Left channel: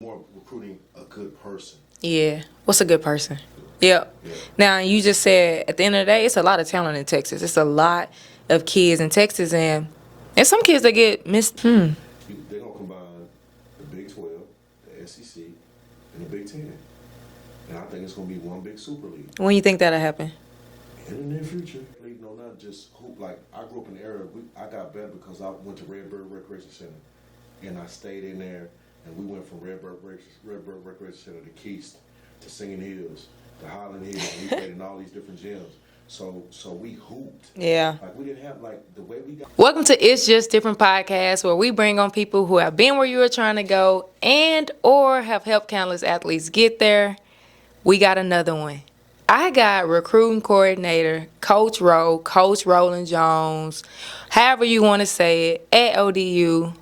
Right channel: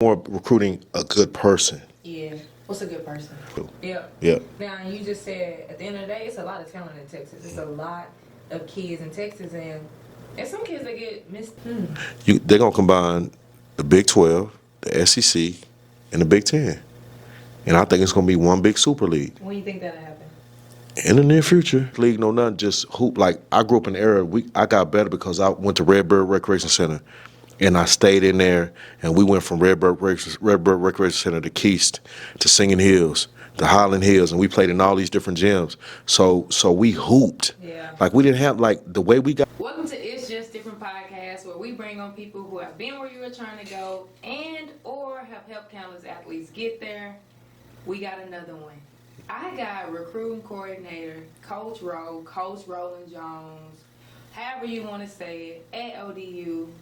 more recruiting a good person. Yeah. What's a good person? Yep. Yeah. Now, you just said at the end of the day, it's a lot of talent in Texas. It's a lot of kids in Texas, and some kids that get missed. They're going to combine the Big 12, the SEC, and the Big 10. And I think it's going to be one big super league. When you think that'll happen? In the near future. League, no nothing, just hoop. Like, I grew up in the era, I got better because I went to Redbird Recreation Center. And I stayed in there, and we went from Redbird Recreation Center to Keast, to Singing Hills, to Highland Hills, and we played in all these different gyms. So we hooped. Yeah. Like, we didn't have, like, the way we got. Welcome to It's Just Different podcast, where we bring on people who have been where you were trying to go and or have helped countless athletes get there. We got another one. I got recruiting coordinator, Coach Roland Jones, however you want to say it, at ODU.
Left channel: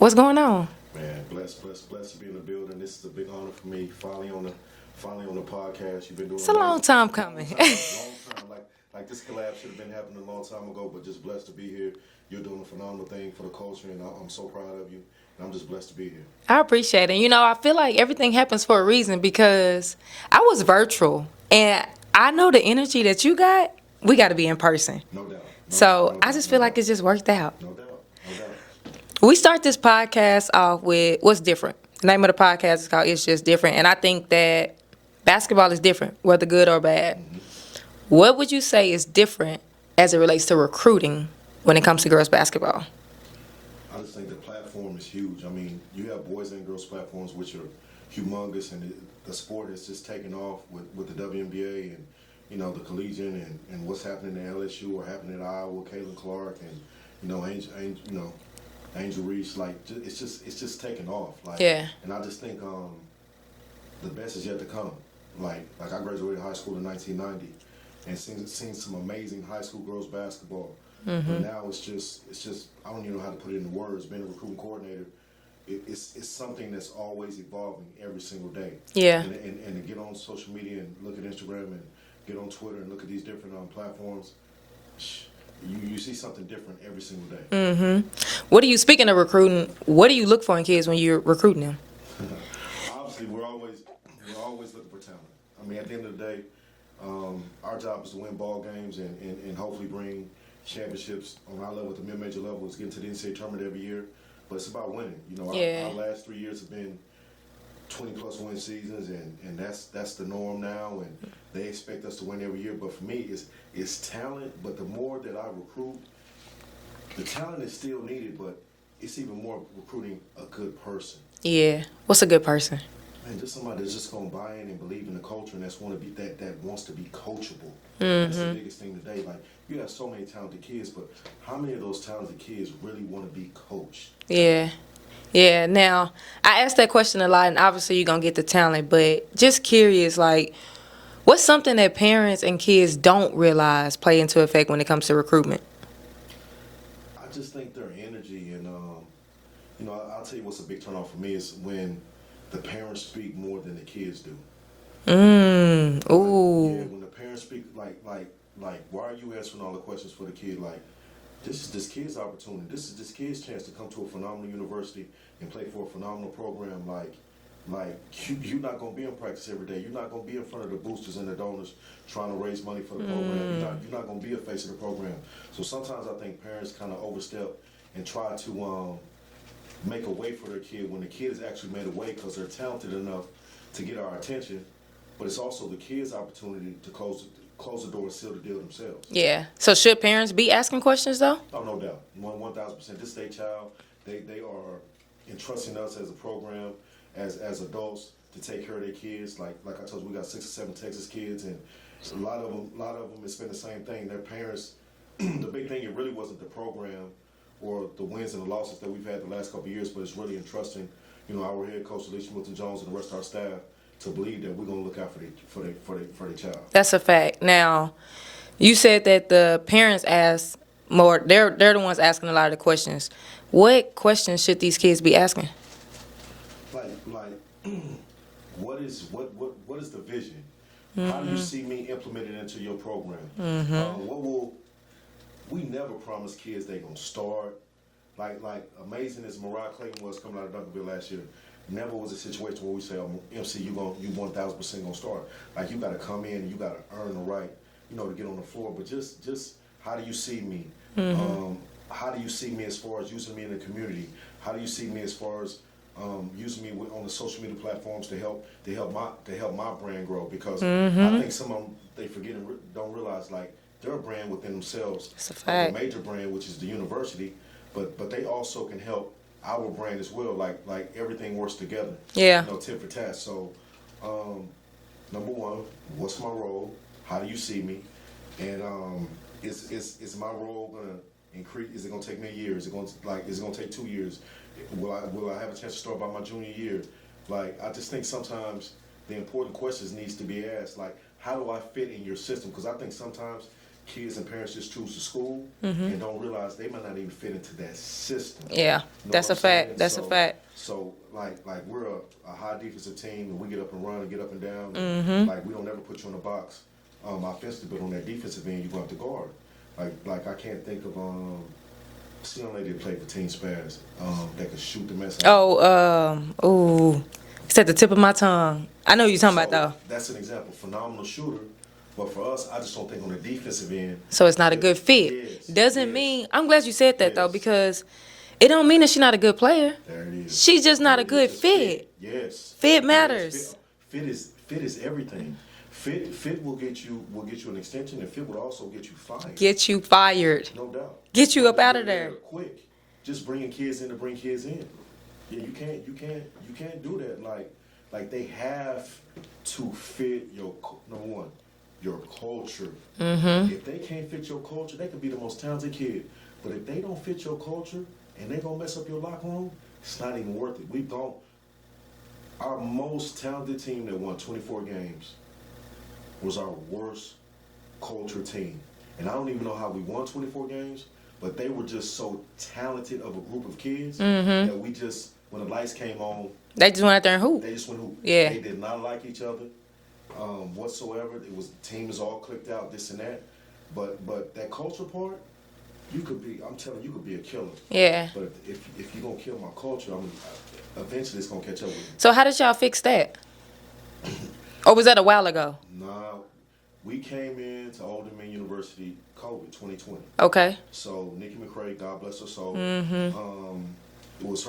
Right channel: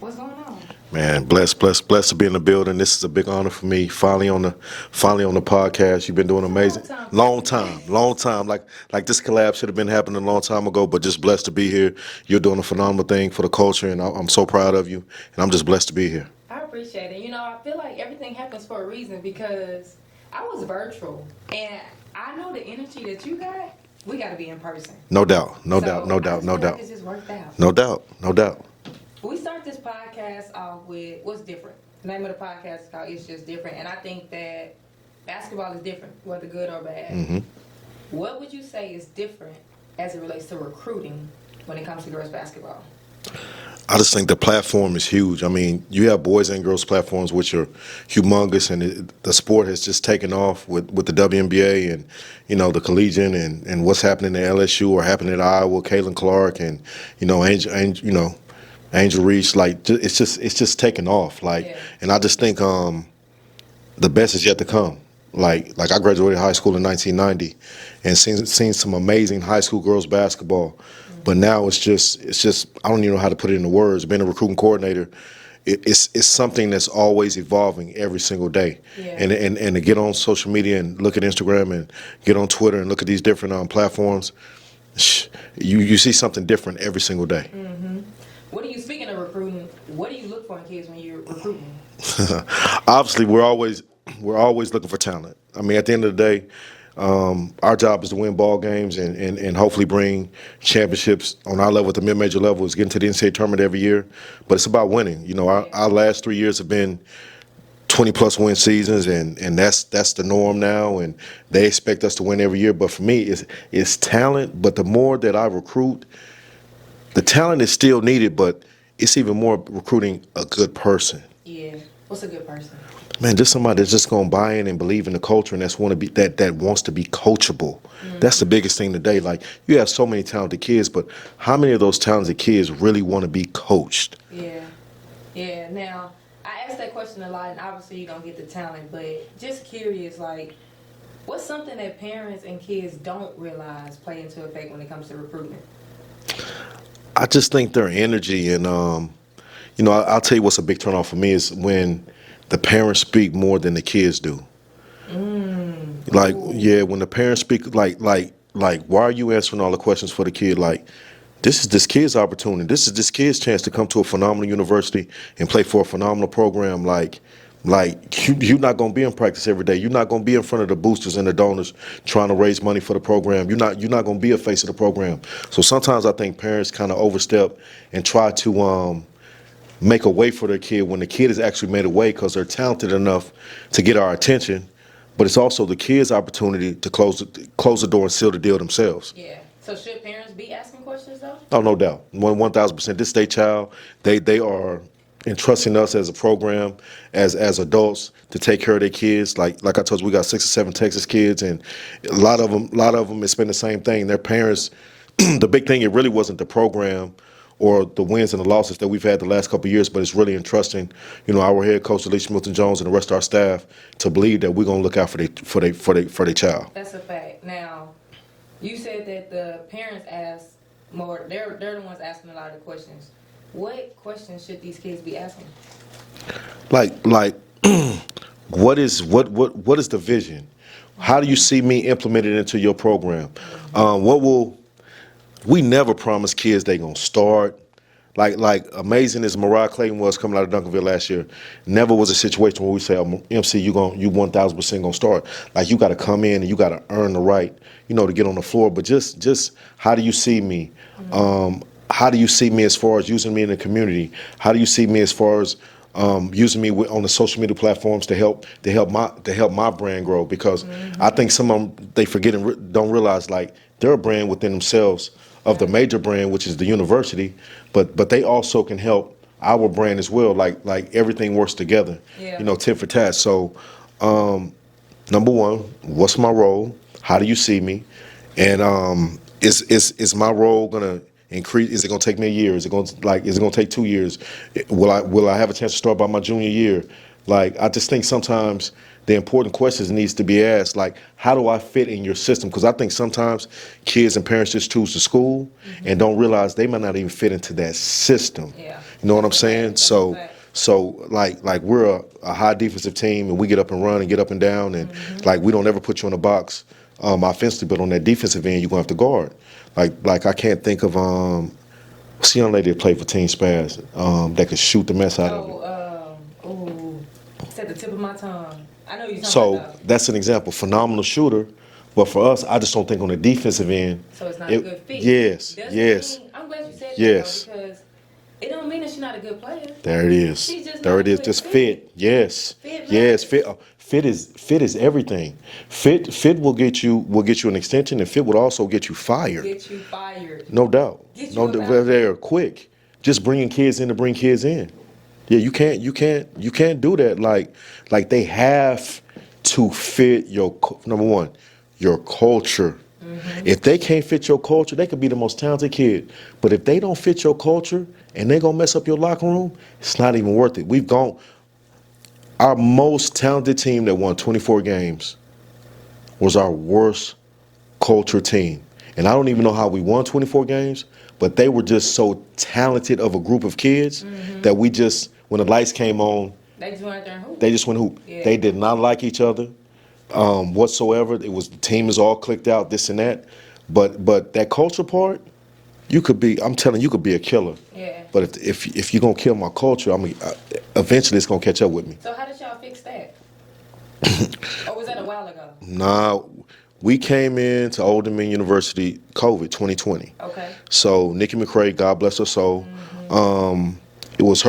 What's going on? Man, blessed to be in the building. This is a big honor for me. Finally on the podcast. You've been doing amazing. Long time. Like this collab should have been happening a long time ago, but just blessed to be here. You're doing a phenomenal thing for the culture, and I'm so proud of you. And I'm just blessed to be here. I appreciate it. You know, I feel like everything happens for a reason because I was virtual, and I know the energy that you got. We got to be in person. No doubt. So I just feel like it's just worked out. No doubt. We start this podcast off with what's different. The name of the podcast is called It's Just Different. And I think that basketball is different, whether good or bad. Mm-hmm. What would you say is different as it relates to recruiting when it comes to girls basketball? I just think the platform is huge. I mean, you have boys and girls platforms which are humongous, and the sport has just taken off with the WNBA and, you know, the collegiate and what's happening at LSU or happening at Iowa, Caitlin Clark and, you know, Angel Reese, like, it's just taking off, like, yeah. And I just think the best is yet to come. Like I graduated high school in 1990, and seen some amazing high school girls basketball, but now it's just I don't even know how to put it into words. Being a recruiting coordinator, it's something that's always evolving every single day. Yeah. And to get on social media and look at Instagram and get on Twitter and look at these different platforms. You see something different every single day. Mm-hmm. Speaking of recruiting, what do you look for in kids when you're recruiting them? Obviously, we're always looking for talent. I mean, at the end of the day, our job is to win ball games and hopefully bring championships on our level at the mid-major level. Is getting to the NCAA tournament every year, but it's about winning. You know, our last 3 years have been 20-plus win seasons, and that's the norm now, and they expect us to win every year. But for me, it's talent, but the more that I recruit, the talent is still needed, but it's even more recruiting a good person. Yeah. What's a good person? Man, just somebody that's just going to buy in and believe in the culture and that wants to be coachable. Mm-hmm. That's the biggest thing today. Like, you have so many talented kids, but how many of those talented kids really want to be coached? Yeah. Yeah. Now, I ask that question a lot, and obviously you're going to get the talent, but just curious, like, what's something that parents and kids don't realize play into effect when it comes to recruitment? I just think their energy and, you know, I'll tell you what's a big turnoff for me is when the parents speak more than the kids do. Like, yeah, when the parents speak, like, why are you answering all the questions for the kid? Like, this is this kid's opportunity. This is this kid's chance to come to a phenomenal university and play for a phenomenal program. Like you're not going to be in practice every day. You're not going to be in front of the boosters and the donors trying to raise money for the program. You're not going to be a face of the program. So sometimes I think parents kind of overstep and try to make a way for their kid when the kid has actually made a way because they're talented enough to get our attention. But it's also the kid's opportunity to close the door and seal the deal themselves. Yeah. So should parents be asking questions, though? Oh, no doubt. 1,000%. This is their child. They are entrusting us as a program, as adults, to take care of their kids. Like I told you, we got 6 or 7 Texas kids, and a lot of them, it's been the same thing. Their parents, the big thing, it really wasn't the program or the wins and the losses that we've had the last couple of years, but it's really entrusting, you know, our head coach, Alicia Milton-Jones, and the rest of our staff to believe that we're going to look out for their child. That's a fact. Now, you said that the parents ask more. They're the ones asking a lot of the questions. What questions should these kids be asking? Like, what is the vision? How do you see me implemented into your program? We never promise kids they're going to start, Like amazing as Mariah Clayton was coming out of Duncanville last year, never was a situation where we say, oh, MC, you 1,000% gonna start. Like you got to come in and you got to earn the right, to get on the floor. But just how do you see me? How do you see me as far as using me in the community? How do you see me as far as using me on the social media platforms to help my brand grow? Because I think some of them they forget and don't realize like they're a brand within themselves of the major brand, which is the university, but they also can help our brand as well. Like everything works together. Yeah. Tit for tat. So number one, what's my role? How do you see me? And is my role gonna increase? Is it gonna take me a year? Is it gonna take 2 years? Will I have a chance to start by my junior year? Like I just think sometimes the important questions needs to be asked. Like how do I fit in your system? Because I think sometimes kids and parents just choose the school and don't realize they might not even fit into that system. Yeah, you know what I'm saying? That's a fact. So like we're a high defensive team and we get up and run and get up and down and like we don't ever put you in a box offensively, but on that defensive end you're gonna have to guard. Like I can't think of what's the young lady that played for Team Spaz that could shoot the mess out of it? It's at the tip of my tongue. I know you're talking about though. That's an example. Phenomenal shooter. But for us, I just don't think on the defensive end. So it's not a good fit. Yes. Doesn't mean, I'm glad you said that though, because it don't mean that she's not a good player. There it is. She's just not a good just fit. Yes. Fit matters. Yes. Fit is everything. Fit will get you an extension, and fit would also get you fired. Get you fired. No doubt. Get you up out of there. Quick. Just bringing kids in to bring kids in. Yeah, you can't do that. Like they have to fit your number one, your culture. If they can't fit your culture, they could be the most talented kid. But if they don't fit your culture and they're gonna mess up your locker room, it's not even worth it. Our most talented team that won 24 games was our worst culture team. And I don't even know how we won 24 games, but they were just so talented of a group of kids that we just, when the lights came on, they just went out there and hoop. They just went hoop. Yeah. They did not like each other whatsoever. It was the team is all clicked out, this and that. But that culture part, I'm telling you, could be a killer. Yeah. But if you're gonna kill my culture, eventually it's gonna catch up with me. So how did y'all fix that? Or was that a while ago? Nah, we came into Old Dominion University COVID 2020. Okay. So Nikki McCrae, God bless her soul. It was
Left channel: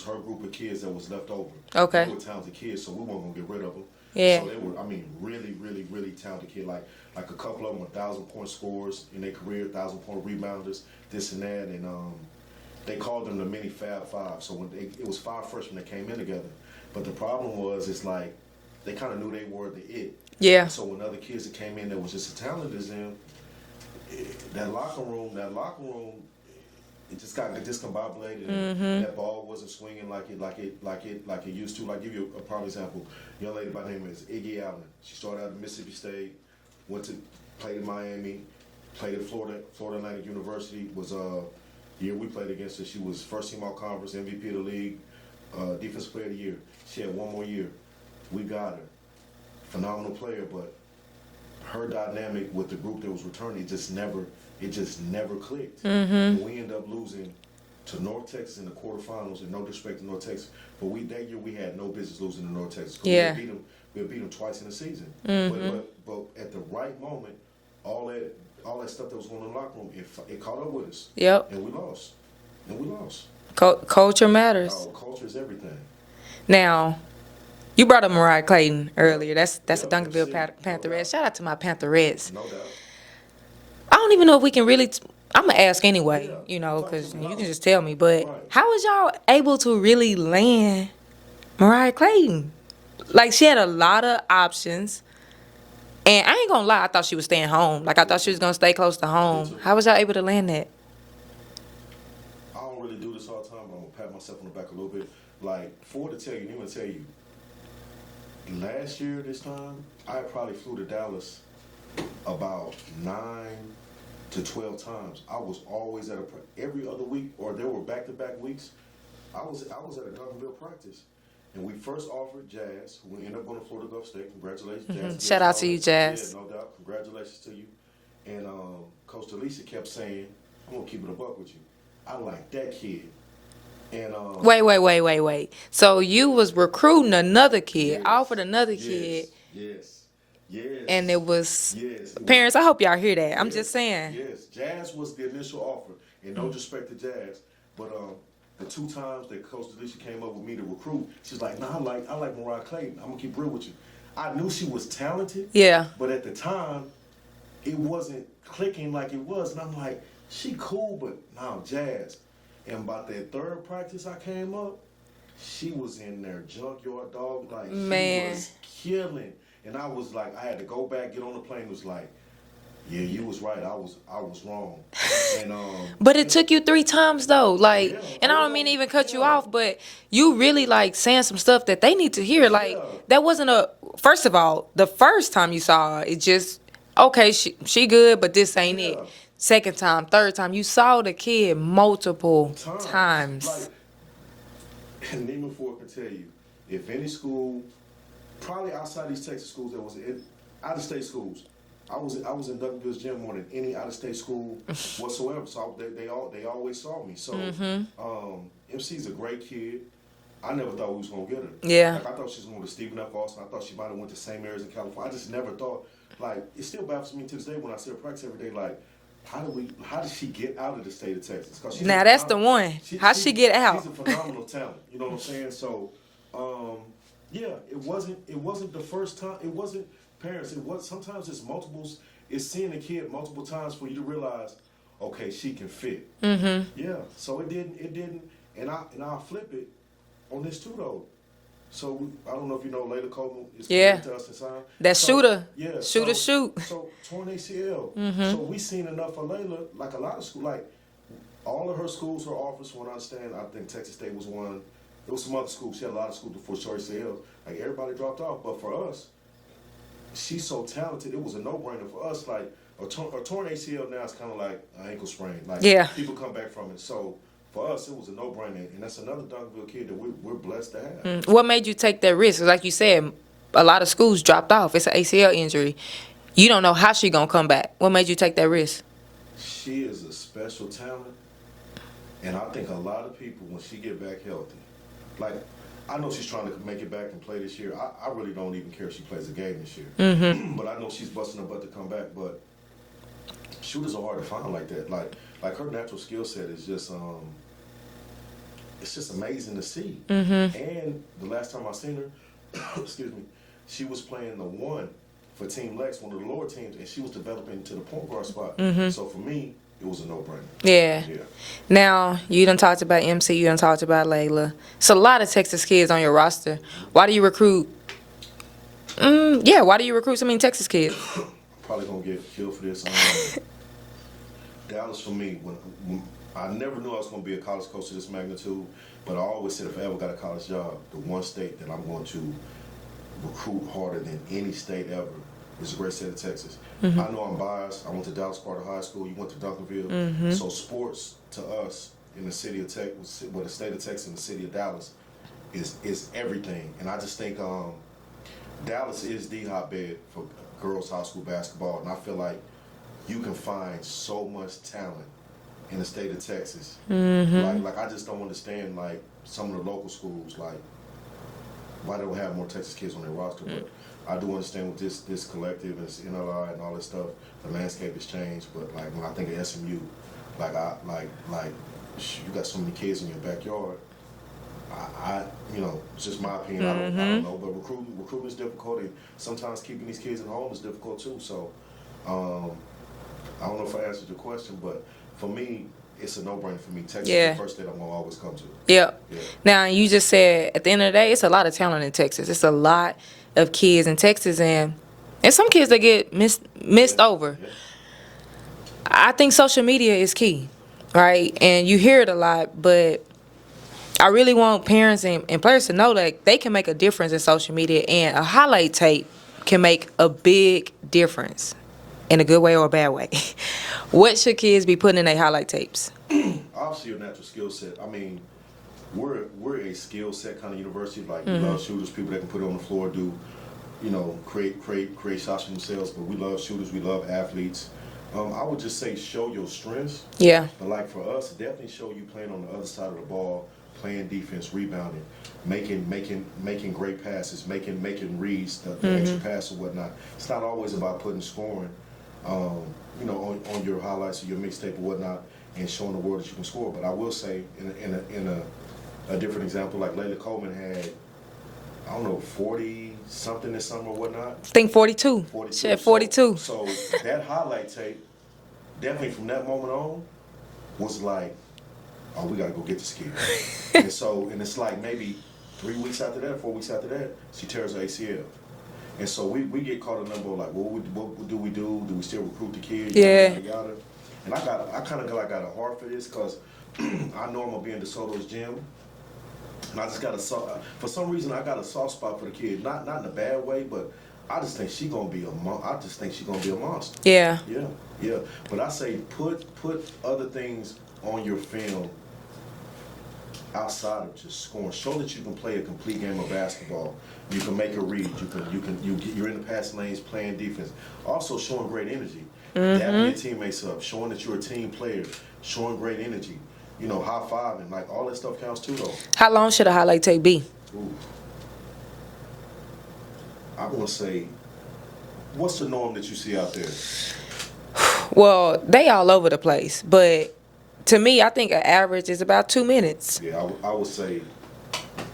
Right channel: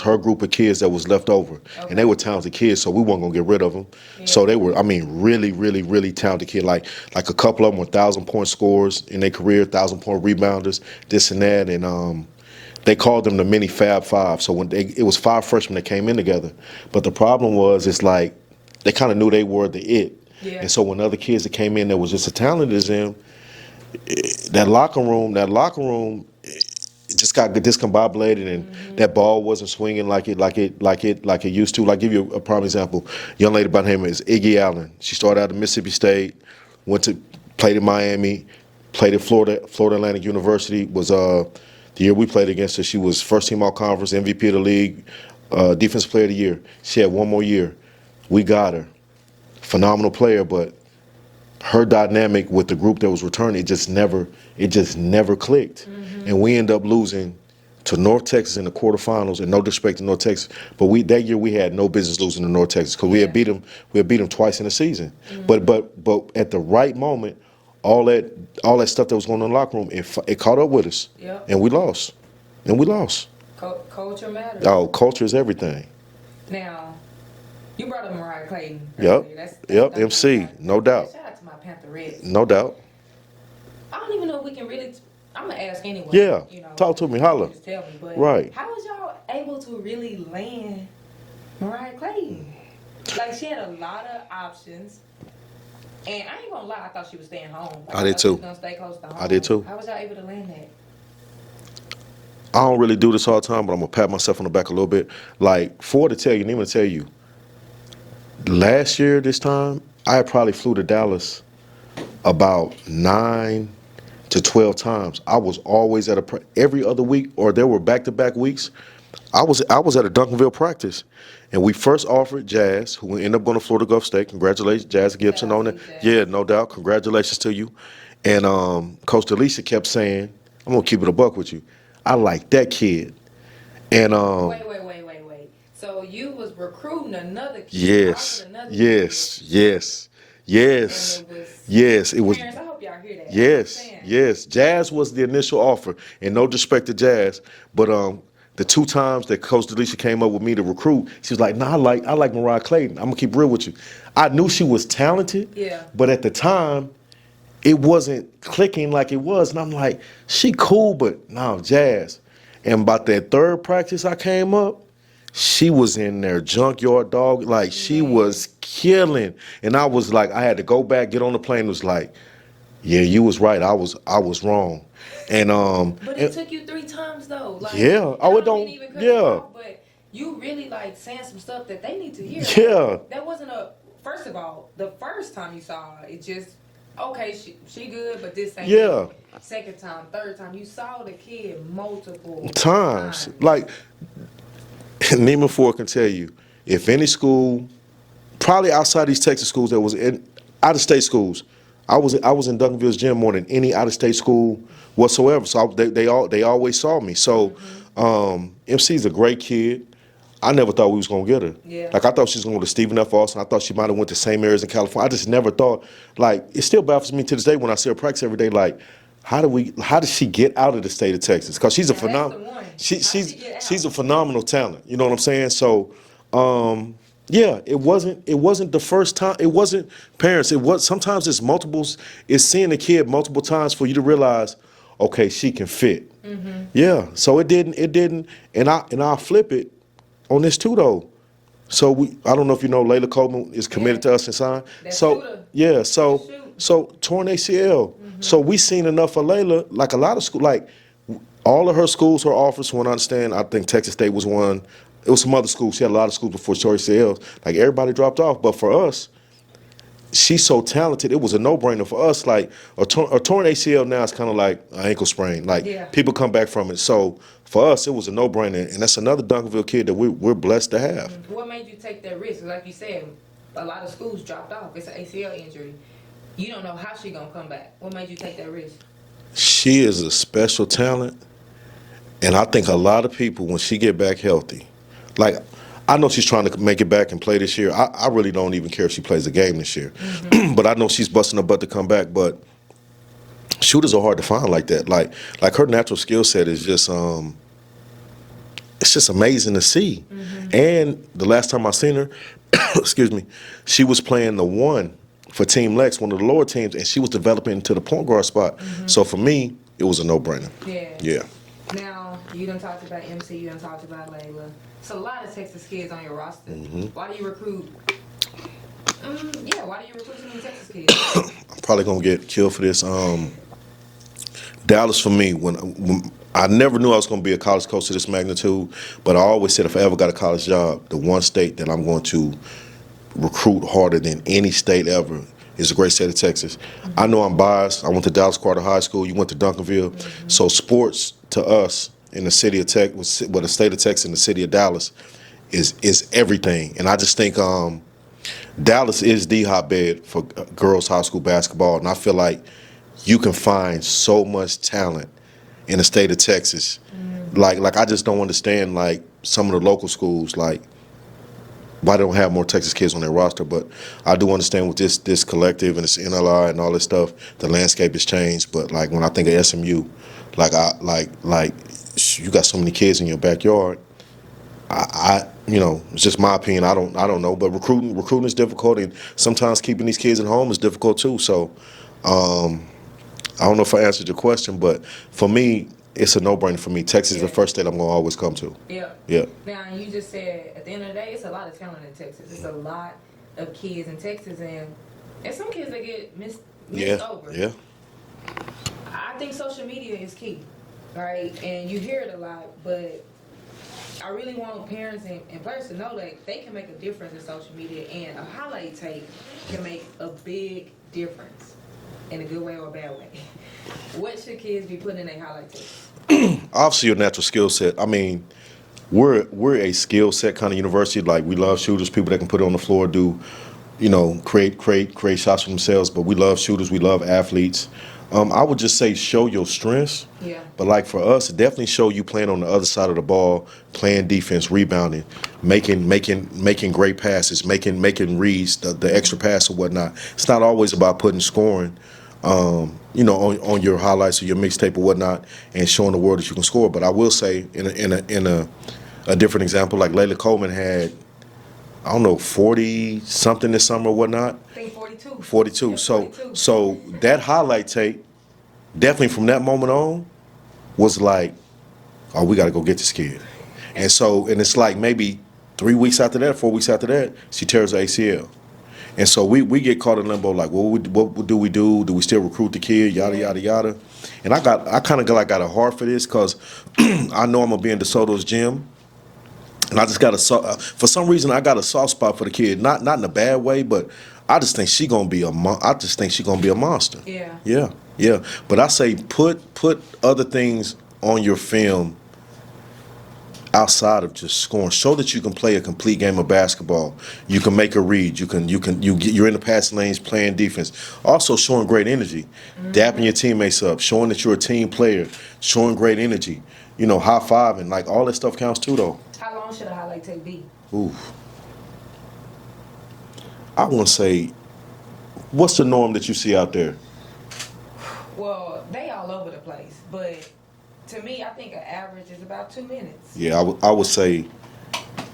her group of kids that was left over. Okay. And they were talented kids, so we weren't gonna get rid of them. Yeah. So they were, really, really, really talented kids. Like a couple of them were 1,000-point scorers in their career, 1,000-point rebounders, this and that, and they called them the mini Fab Five. So it was 5 freshmen that came in together. But the problem was, it's like they kind of knew they were the it. Yeah. And so when other kids that came in that was just as talented as them, that locker room. It just got discombobulated, and that ball wasn't swinging like it used to. Like, give you a prime example. Young lady by the name is Iggy Allen. She started out at Mississippi State, played at Miami, played at Florida Atlantic University. Was the year we played against her. She was first team all conference, MVP of the league, defensive player of the year. She had one more year. We got her. Phenomenal player, but her dynamic with the group that was returning, it just never clicked. And we end up losing to North Texas in the quarterfinals, and no disrespect to North Texas, but that year we had no business losing to North Texas because we had beat them twice in the season. But at the right moment, all that stuff that was going on in the locker room, it caught up with us. Yep. And we lost. Culture matters. Oh, culture is everything. Now, you brought up Mariah Clayton earlier. That's Duncanville MC, no doubt. Shout out to my Pantherettes. No doubt. I don't even know if we can really. I'm gonna ask anyway. Yeah. Talk to me. Holla. You can just tell me. But right. How was y'all able to really land Mariah Clayton? Like, she had a lot of options, and I ain't gonna lie. I thought she was staying home. Like, I thought she was gonna stay close to home. I did too. How was y'all able to land that? I don't really do this all the time, but I'm gonna pat myself on the back a little bit. Like, to tell you, Nima to tell you. Last year, this time, I probably flew to Dallas about 9 to 12 times. I was always at every other week, or there were back-to-back weeks. I was at a Duncanville practice, and we first offered Jazz, who ended up going to Florida Gulf State. Congratulations, Jazz Gibson. Shout out on to it. you, Jazz. Yeah, no doubt. Congratulations to you. And Coach Alicia kept saying, I'm gonna keep it a buck with you. I like that kid. And Wait. So you was recruiting another kid, offered another kid. Yes. And it was parents, I hope y'all hear that. Yes, I'm just saying. Yes. Jazz was the initial offer. And no disrespect to Jazz, but the 2 times that Coach Delisha came up with me to recruit, she was like, "Nah, I like Mariah Clayton. I'm gonna keep real with you." I knew she was talented. Yeah. But at the time, it wasn't clicking like it was. And I'm like, she cool, but no, Jazz. And about that 3rd practice I came up, she was in there, junkyard dog. Like, she was killing. And I was like, I had to go back, get on the plane. It was like, yeah, you was right. I was wrong. And but it took you 3 times though. Like, yeah. And I don't mean to even cut you off, but you really like saying some stuff that they need to hear. Like, that wasn't first of all, the first time you saw her, it just, okay, she good, but this ain't it. 2nd time, 3rd time, you saw the kid multiple times. Like, Neiman Ford can tell you, if any school, probably outside these Texas schools that was in out-of-state schools, I was in Duncanville's gym more than any out-of-state school whatsoever. So they always saw me. So MC's a great kid. I never thought we was gonna get her. Yeah. Like, I thought she was gonna go to Stephen F. Austin. I thought she might have went to same areas in California. I just never thought. Like, it still baffles me to this day when I see her practice every day. Like, how did she get out of the state of Texas? Because she's that's the one. How'd she get out? She's a phenomenal talent. You know what I'm saying? So, yeah, it wasn't the first time. It wasn't parents. It was sometimes it's multiples. It's seeing the kid multiple times for you to realize, okay, she can fit. Mm-hmm. Yeah. So it didn't. And I'll flip it on this too though. So I don't know if you know, Layla Coleman is committed to us and signed. That shooter. Yeah. Shoot. So torn ACL. Mm-hmm. So we seen enough of Layla. Like a lot of school, like all of her schools, her offers. From what I understand, I think Texas State was one. It was some other schools. She had a lot of schools before torn ACLs. Like, everybody dropped off. But for us, she's so talented. It was a no-brainer for us. Like a torn ACL now is kind of like an ankle sprain. Like, people come back from it. So for us, it was a no-brainer, and that's another Duncanville kid that we're blessed to have. What made you take that risk? Like you said, a lot of schools dropped off. It's an ACL injury. You don't know how she gonna come back. What made you take that risk? She is a special talent, and I think a lot of people, when she get back healthy, like, I know she's trying to make it back and play this year. I really don't even care if she plays a game this year. Mm-hmm. But I know she's busting her butt to come back. But shooters are hard to find like that. Like her natural skill set is just it's just amazing to see. Mm-hmm. And the last time I seen her, excuse me, she was playing the 1 for Team Lex, one of the lower teams, and she was developing into the point guard spot. Mm-hmm. So for me, it was a no-brainer. Yeah. Now, you done talked about MC, you done talked about Layla. It's a lot of Texas kids on your roster. Mm-hmm. Why do you recruit? Why do you recruit so many Texas kids? I'm probably gonna get killed for this. Dallas for me, when I never knew I was gonna be a college coach to this magnitude, but I always said if I ever got a college job, the one state that I'm going to recruit harder than any state ever is the great state of Texas. Mm-hmm. I know I'm biased. I went to Dallas Carter High School. You went to Duncanville. Mm-hmm. So sports to us in the city of Texas, the state of Texas and the city of Dallas is everything. And I just think Dallas is the hotbed for girls high school basketball. And I feel like you can find so much talent in the state of Texas. Mm-hmm. Like I just don't understand, like, some of the local schools, like, why they don't have more Texas kids on their roster. But I do understand with this collective and this NLI and all this stuff, the landscape has changed. But, like, when I think of SMU, you got so many kids in your backyard. It's just my opinion. I don't know. But recruiting is difficult, and sometimes keeping these kids at home is difficult too. So, I don't know if I answered your question, but for me, it's a no-brainer for me. Texas is the first state I'm going to always come to. Yeah. Now, you just said, at the end of the day, it's a lot of talent in Texas. It's a lot of kids in Texas, and some kids that get missed over. Yeah. I think social media is key, right? And you hear it a lot, but I really want parents and players to know that they can make a difference in social media, and a highlight tape can make a big difference in a good way or a bad way. What should kids be putting in their highlight tapes? Obviously, your natural skill set. I mean, we're a skill set kind of university. Like, we love shooters, people that can put it on the floor, create shots for themselves. But we love shooters. We love athletes. I would just say show your strengths. Yeah. But like for us, definitely show you playing on the other side of the ball, playing defense, rebounding, making great passes, making reads, the extra pass or whatnot. It's not always about putting scoring, on your highlights or your mixtape or whatnot, and showing the world that you can score. But I will say, in a different example, like Layla Coleman had, I don't know, 40 something this summer or whatnot. I think 42. 42. Yeah, 42. So that highlight tape, definitely from that moment on, was like, oh, we got to go get this kid. and it's like maybe 3 weeks after that, 4 weeks after that, she tears her ACL. And so we get caught in limbo, like, what do we do? Do we still recruit the kid? Yada, yada, yada. And I kind of got a heart for this because I know I'm going to be in DeSoto's gym. And I just for some reason, I got a soft spot for the kid. Not in a bad way, but I just think she's gonna be a monster. Yeah. Yeah. But I say put other things on your film outside of just scoring. Show that you can play a complete game of basketball. You can make a read. You're in the passing lanes playing defense. Also showing great energy, dapping your teammates up, showing that you're a team player, showing great energy. High-fiving, like all that stuff counts too, though. How long should a highlight tape be? Ooh. I want to say, what's the norm that you see out there? Well, they all over the place, but to me, I think an average is about 2 minutes. Yeah, I would say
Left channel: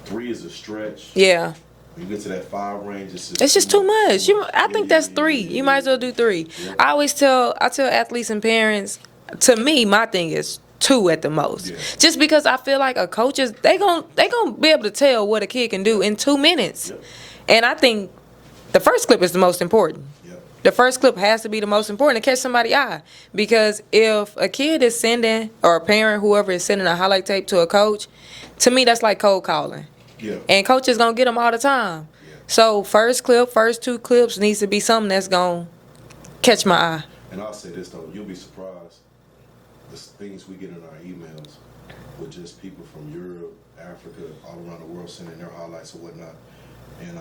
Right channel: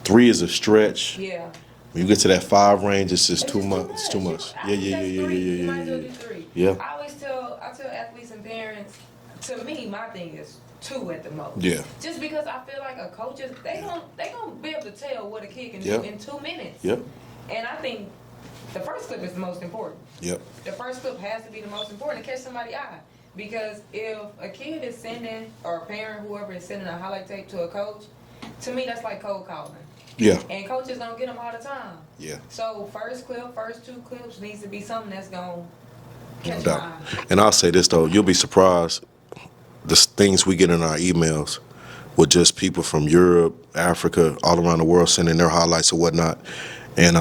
3 is a stretch. Yeah. When you get to that 5 range, it's just too much. It's too much. I think that's 3. You might as well do 3. Yeah. I tell athletes and parents, to me, my thing is 2 at the most. Yeah. Just because I feel like a coach they gonna be able to tell what a kid can do in 2 minutes. Yep. And I think the first clip is the most important. Yep. The first clip has to be the most important to catch somebody's eye. Because if a kid is sending, or a parent, whoever is sending a highlight tape to a coach, to me that's like cold calling. Yeah. And coaches gonna get them all the time. Yeah. So first 2 clips needs to be something that's gonna catch my eye. And I'll say this though, you'll be surprised the things we get in our emails with just people from Europe, Africa, all around the world sending their highlights or whatnot. And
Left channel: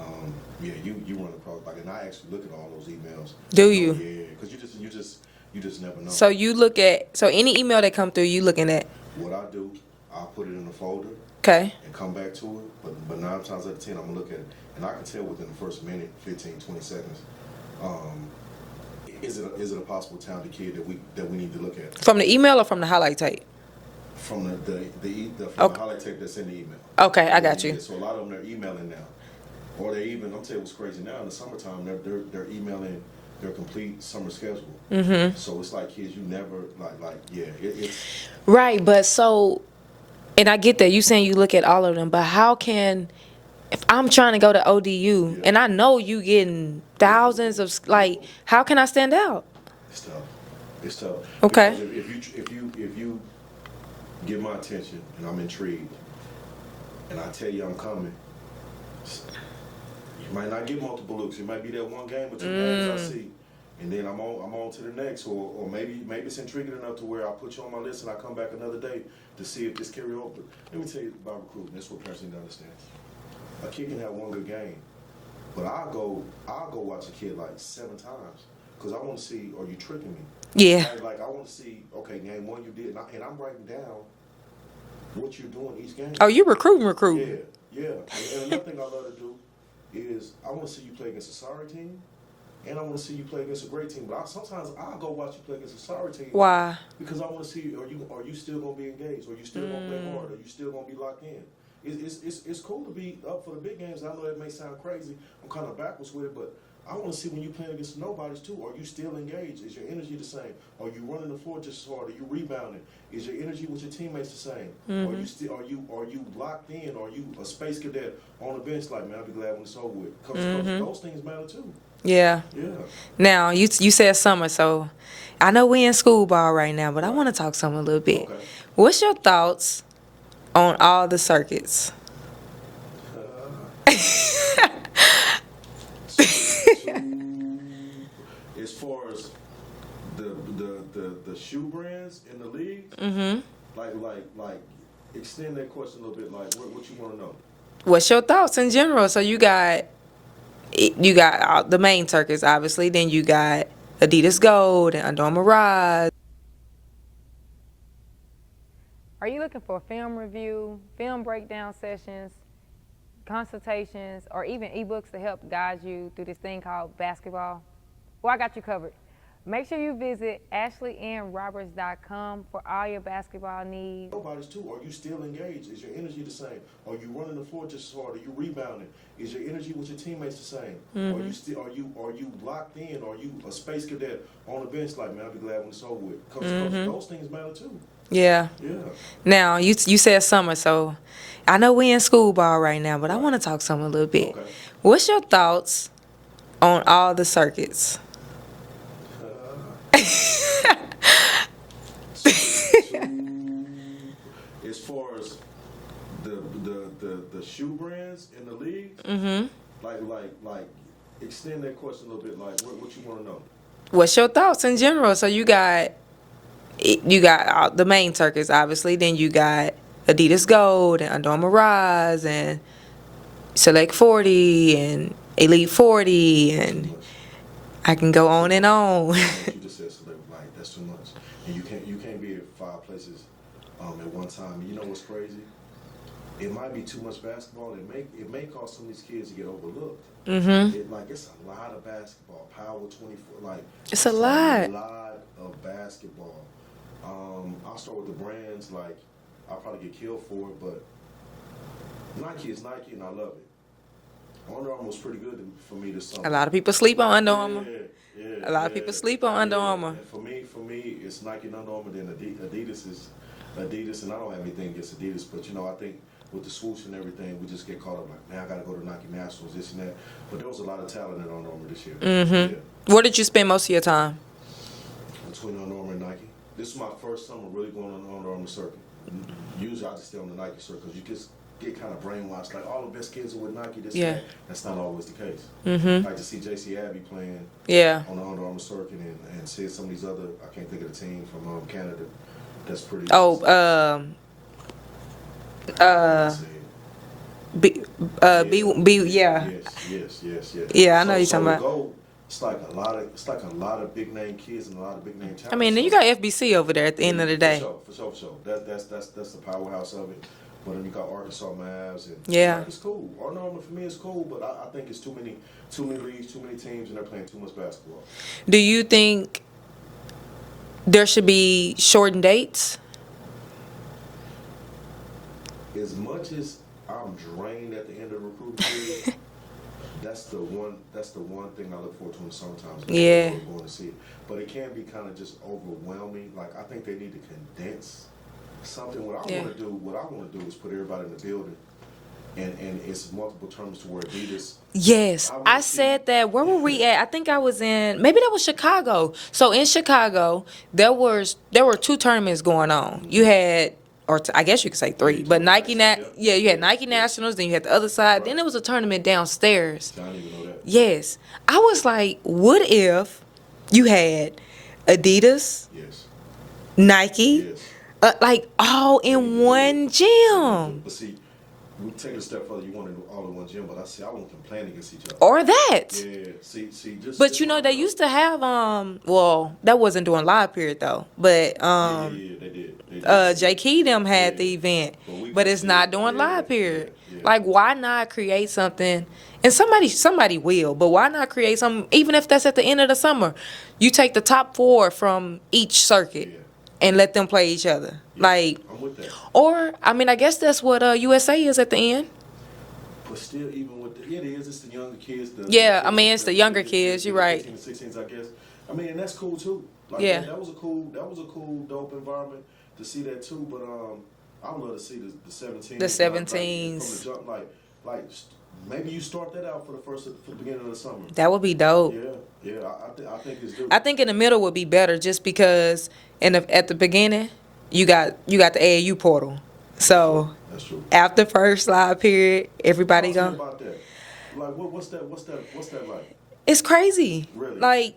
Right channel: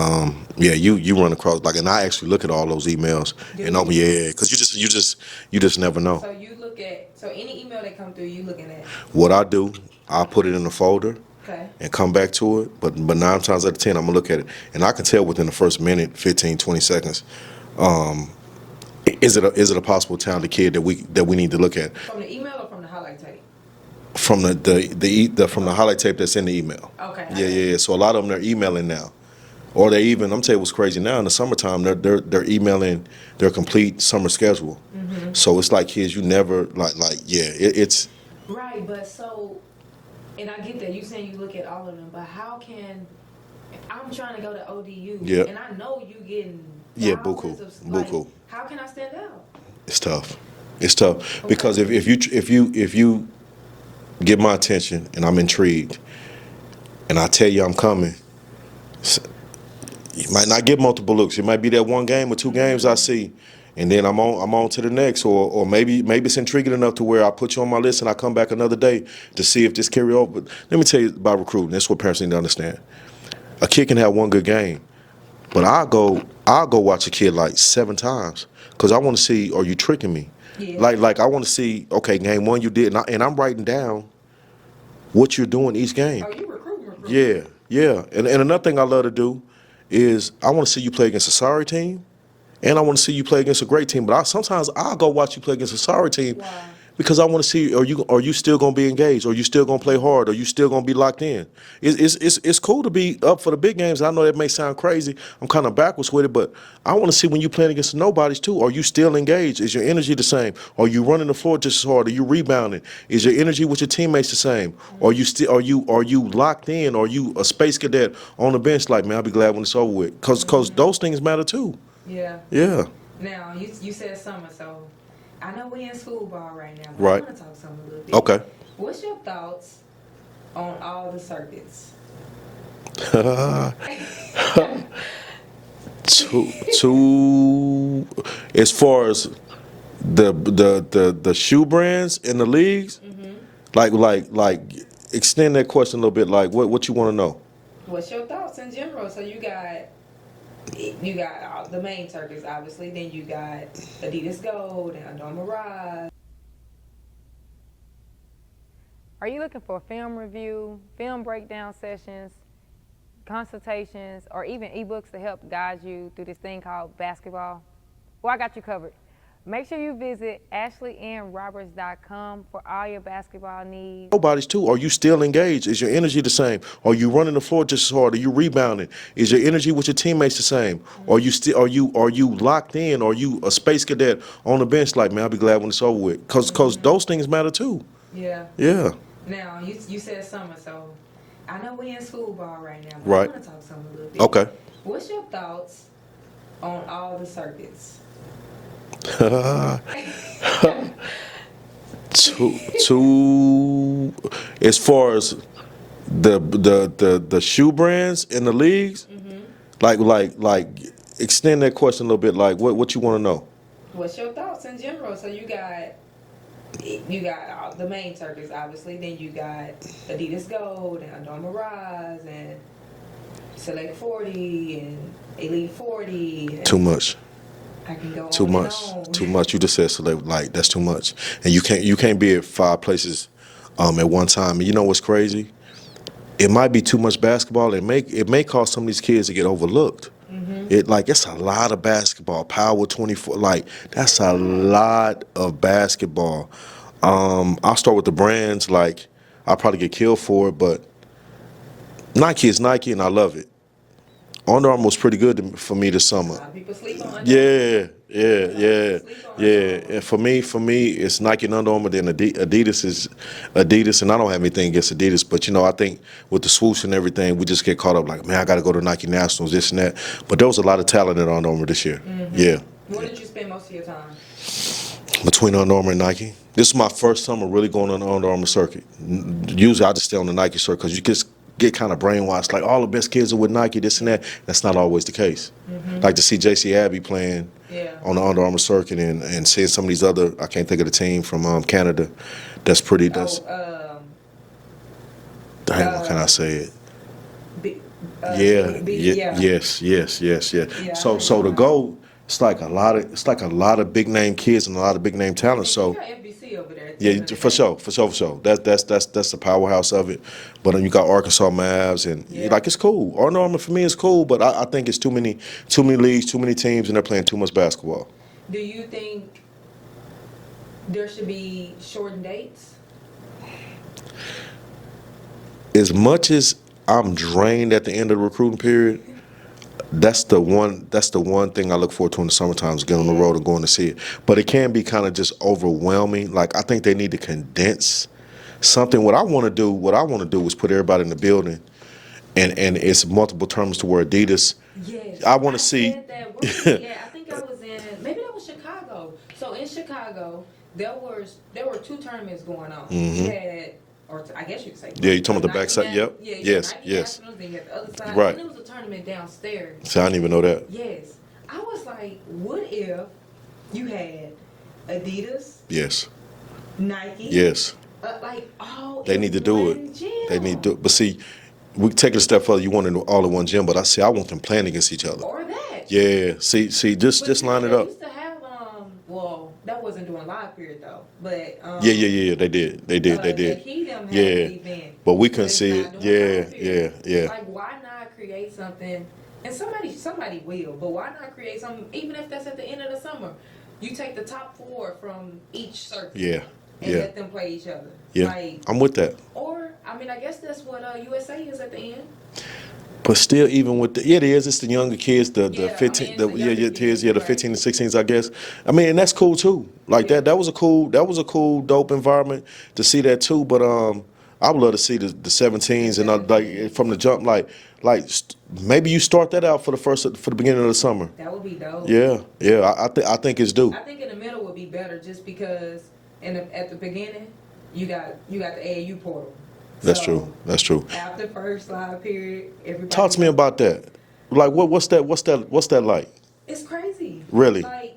you run across and I actually look at all those emails. Do you? Yeah, because you just never know. So you look at any email that come through, you looking at? What I do, I put it in a folder. Okay. And come back to it, but 9 times out of 10, I'm gonna look at it, and I can tell within the first minute, 15, 20 seconds, is it a possible talented kid that we need to look at? From the email or from the highlight tape? From the highlight tape that's in the email. Okay, I got you. Yeah. So a lot of them they're emailing now, or they even I'm telling you what's crazy now in the summertime they're emailing their complete summer schedule. Mm-hmm. So it's like kids you never it's right, but so. And I get that you saying you look at all of them, but how can, if I'm trying to go to ODU and I know you getting thousands of how can I stand out? It's tough. Okay. Because if you get my attention and I'm intrigued, and I tell you I'm coming, you might not get multiple looks. It might be that 1 game or 2 games I see. And then I'm on to the next, or maybe it's intriguing enough to where I put you on my list and I come back another day to see if this carry over. But let me tell you about recruiting. That's what parents need to understand. A kid can have 1 good game, but I'll go watch a kid 7 times because I want to see, are you tricking me? Yeah. Like I want to see, okay, game 1 you did, and I'm writing down what you're doing each game. Oh, you recruiting. Yeah. And another thing I love to do is I want to see you play against a sorry team. And I want to see you play against a great team, but sometimes I'll go watch you play against a sorry team. Why? Because I want to see, are you still going to be engaged? Are you still going to play hard? Are you still going to be locked in? It's cool to be up for the big games. I know that may sound crazy. I'm kind of backwards with it, but I want to see when you playing against the nobodies too. Are you still engaged? Is your energy the same? Are you running the floor just as hard? Are you rebounding? Is your energy with your teammates the same? Are you locked in? Are you a space cadet on the bench? Like, man, I'll be glad when it's over with. Because those things matter too. Yeah. Yeah. Now, you said summer, so I know we in school ball right now, but I want to talk summer a little bit. Okay. What's your thoughts on all the circuits? Two, as far as the shoe brands in the leagues, like extend that question a little bit. Like, what you want to know? What's your thoughts in general? So you got you got the main circuits, obviously. Then you got Adidas Gold and Under Armour Rise. Are you looking for a film review, film breakdown sessions, consultations, or even ebooks to help guide you through this thing called basketball? Well, I got you covered. Make sure you visit AshleyAnnRoberts.com for all your basketball needs. Nobody's too. Are you still engaged? Is your energy the same? Are you running the floor just as hard? Are you rebounding? Is your energy with your teammates the same? Are you still are you locked in? Are you a space cadet on the bench? Like, man, I'll be glad when it's over with. Cause those things matter too. Yeah. Yeah. Now you said summer, so I know we in school ball right now, but I want to talk summer a little bit. Okay. What's your thoughts on all the circuits? Two, as far as the shoe brands in the leagues, like extend that question a little bit. Like, what you want to know? What's your thoughts in general? So you got the main circuits, obviously. Then you got Adidas Gold and Under Armour Rise and Select 40 and Elite 40. And Too much. I can go on and on. Too much. You just said select. Like, that's too much, and you can't be at 5 places at one time. And you know what's crazy? It might be too much basketball. It may cause some of these kids to get overlooked. It's a lot of basketball. Power 24. Like, that's a lot of basketball. I'll start with the brands. Like, I'll probably get killed for it, but Nike is Nike, and I love it. Under Armour was pretty good for me this summer. A lot of people sleep on Under Armour. Yeah. A lot of people sleep on Under Armour. And for me, it's Nike and Under Armour. Then Adidas is Adidas, and I don't have anything against Adidas, but I think with the swoosh and everything, we just get caught up. Like, man, I got to go to Nike Nationals, this and that. But there was a lot of talent at Under Armour this year. Yeah. Where did you spend most of your time? Between Under Armour and Nike. This is my first summer really going on the Under Armour circuit. Usually, I just stay on the Nike circuit because you just get kind of brainwashed, like all the best kids are with Nike, this and that. That's not always the case. Like to see J.C. Abbey playing on the Under Armour circuit and seeing some of these other, I can't think of the team from Canada, that's pretty. How can I say it? Yes. Yeah, I know so to go, it's like a lot of big name kids and a lot of big name talent. I mean, you got FBC over there at the end of the day. For sure. That's the powerhouse of it. But then you got Arkansas Mavs and like, it's cool. Under Armour for me is cool, but I think it's too many leagues, too many teams, and they're playing too much basketball. Do you think there should be shortened dates? As much as I'm drained at the end of the recruiting period, that's the one thing I look forward to in the summertime is getting on the road and going to see it. But it can be kind of just overwhelming. Like, I think they need to condense something. What I want to do is put everybody in the building, and it's multiple terms to where Adidas. Yes, I said that. Where were we at? I think I was in, maybe that was Chicago. So in Chicago, there were 2 tournaments going on. You had, I guess you could say 3, but Nike, you had Nike Nationals, then you had the other side, and there was a tournament downstairs. So I didn't even know that. Yes, I was like, what if you had Adidas? Yes. Nike? Yes. Like all in one gym. They need to do it. But see, we take it a step further. You want it all in one gym, but I want them playing against each other. Or that. Yeah. See, just but you know line they it up. used to have well, that wasn't during live period though. But yeah, they did. J. Key them had the event, but it's not during live period. Yeah. Like, why not create something? And somebody will, but why not create something? Even if that's at the end of the summer, you take the top 4 from each circuit. Yeah. And let them play each other. Yeah, like, I'm with that. Or, I mean, I guess that's what USA is at the end. But still, even with it is. It's the younger kids. The 15, it's the younger kids. Yeah, the 15 and 16s, I guess. I mean, and that's cool too. Like that was a cool, dope environment to see that too. But I would love to see the 17s and like from the jump, like maybe you start that out for the beginning of the summer. That would be dope. Yeah. I think it's due. I think in the middle would be better, just because. And at the beginning, you got the AAU portal. That's true. After first live period, everybody talk to me about that. Like, what's that like? It's crazy. Really? Like,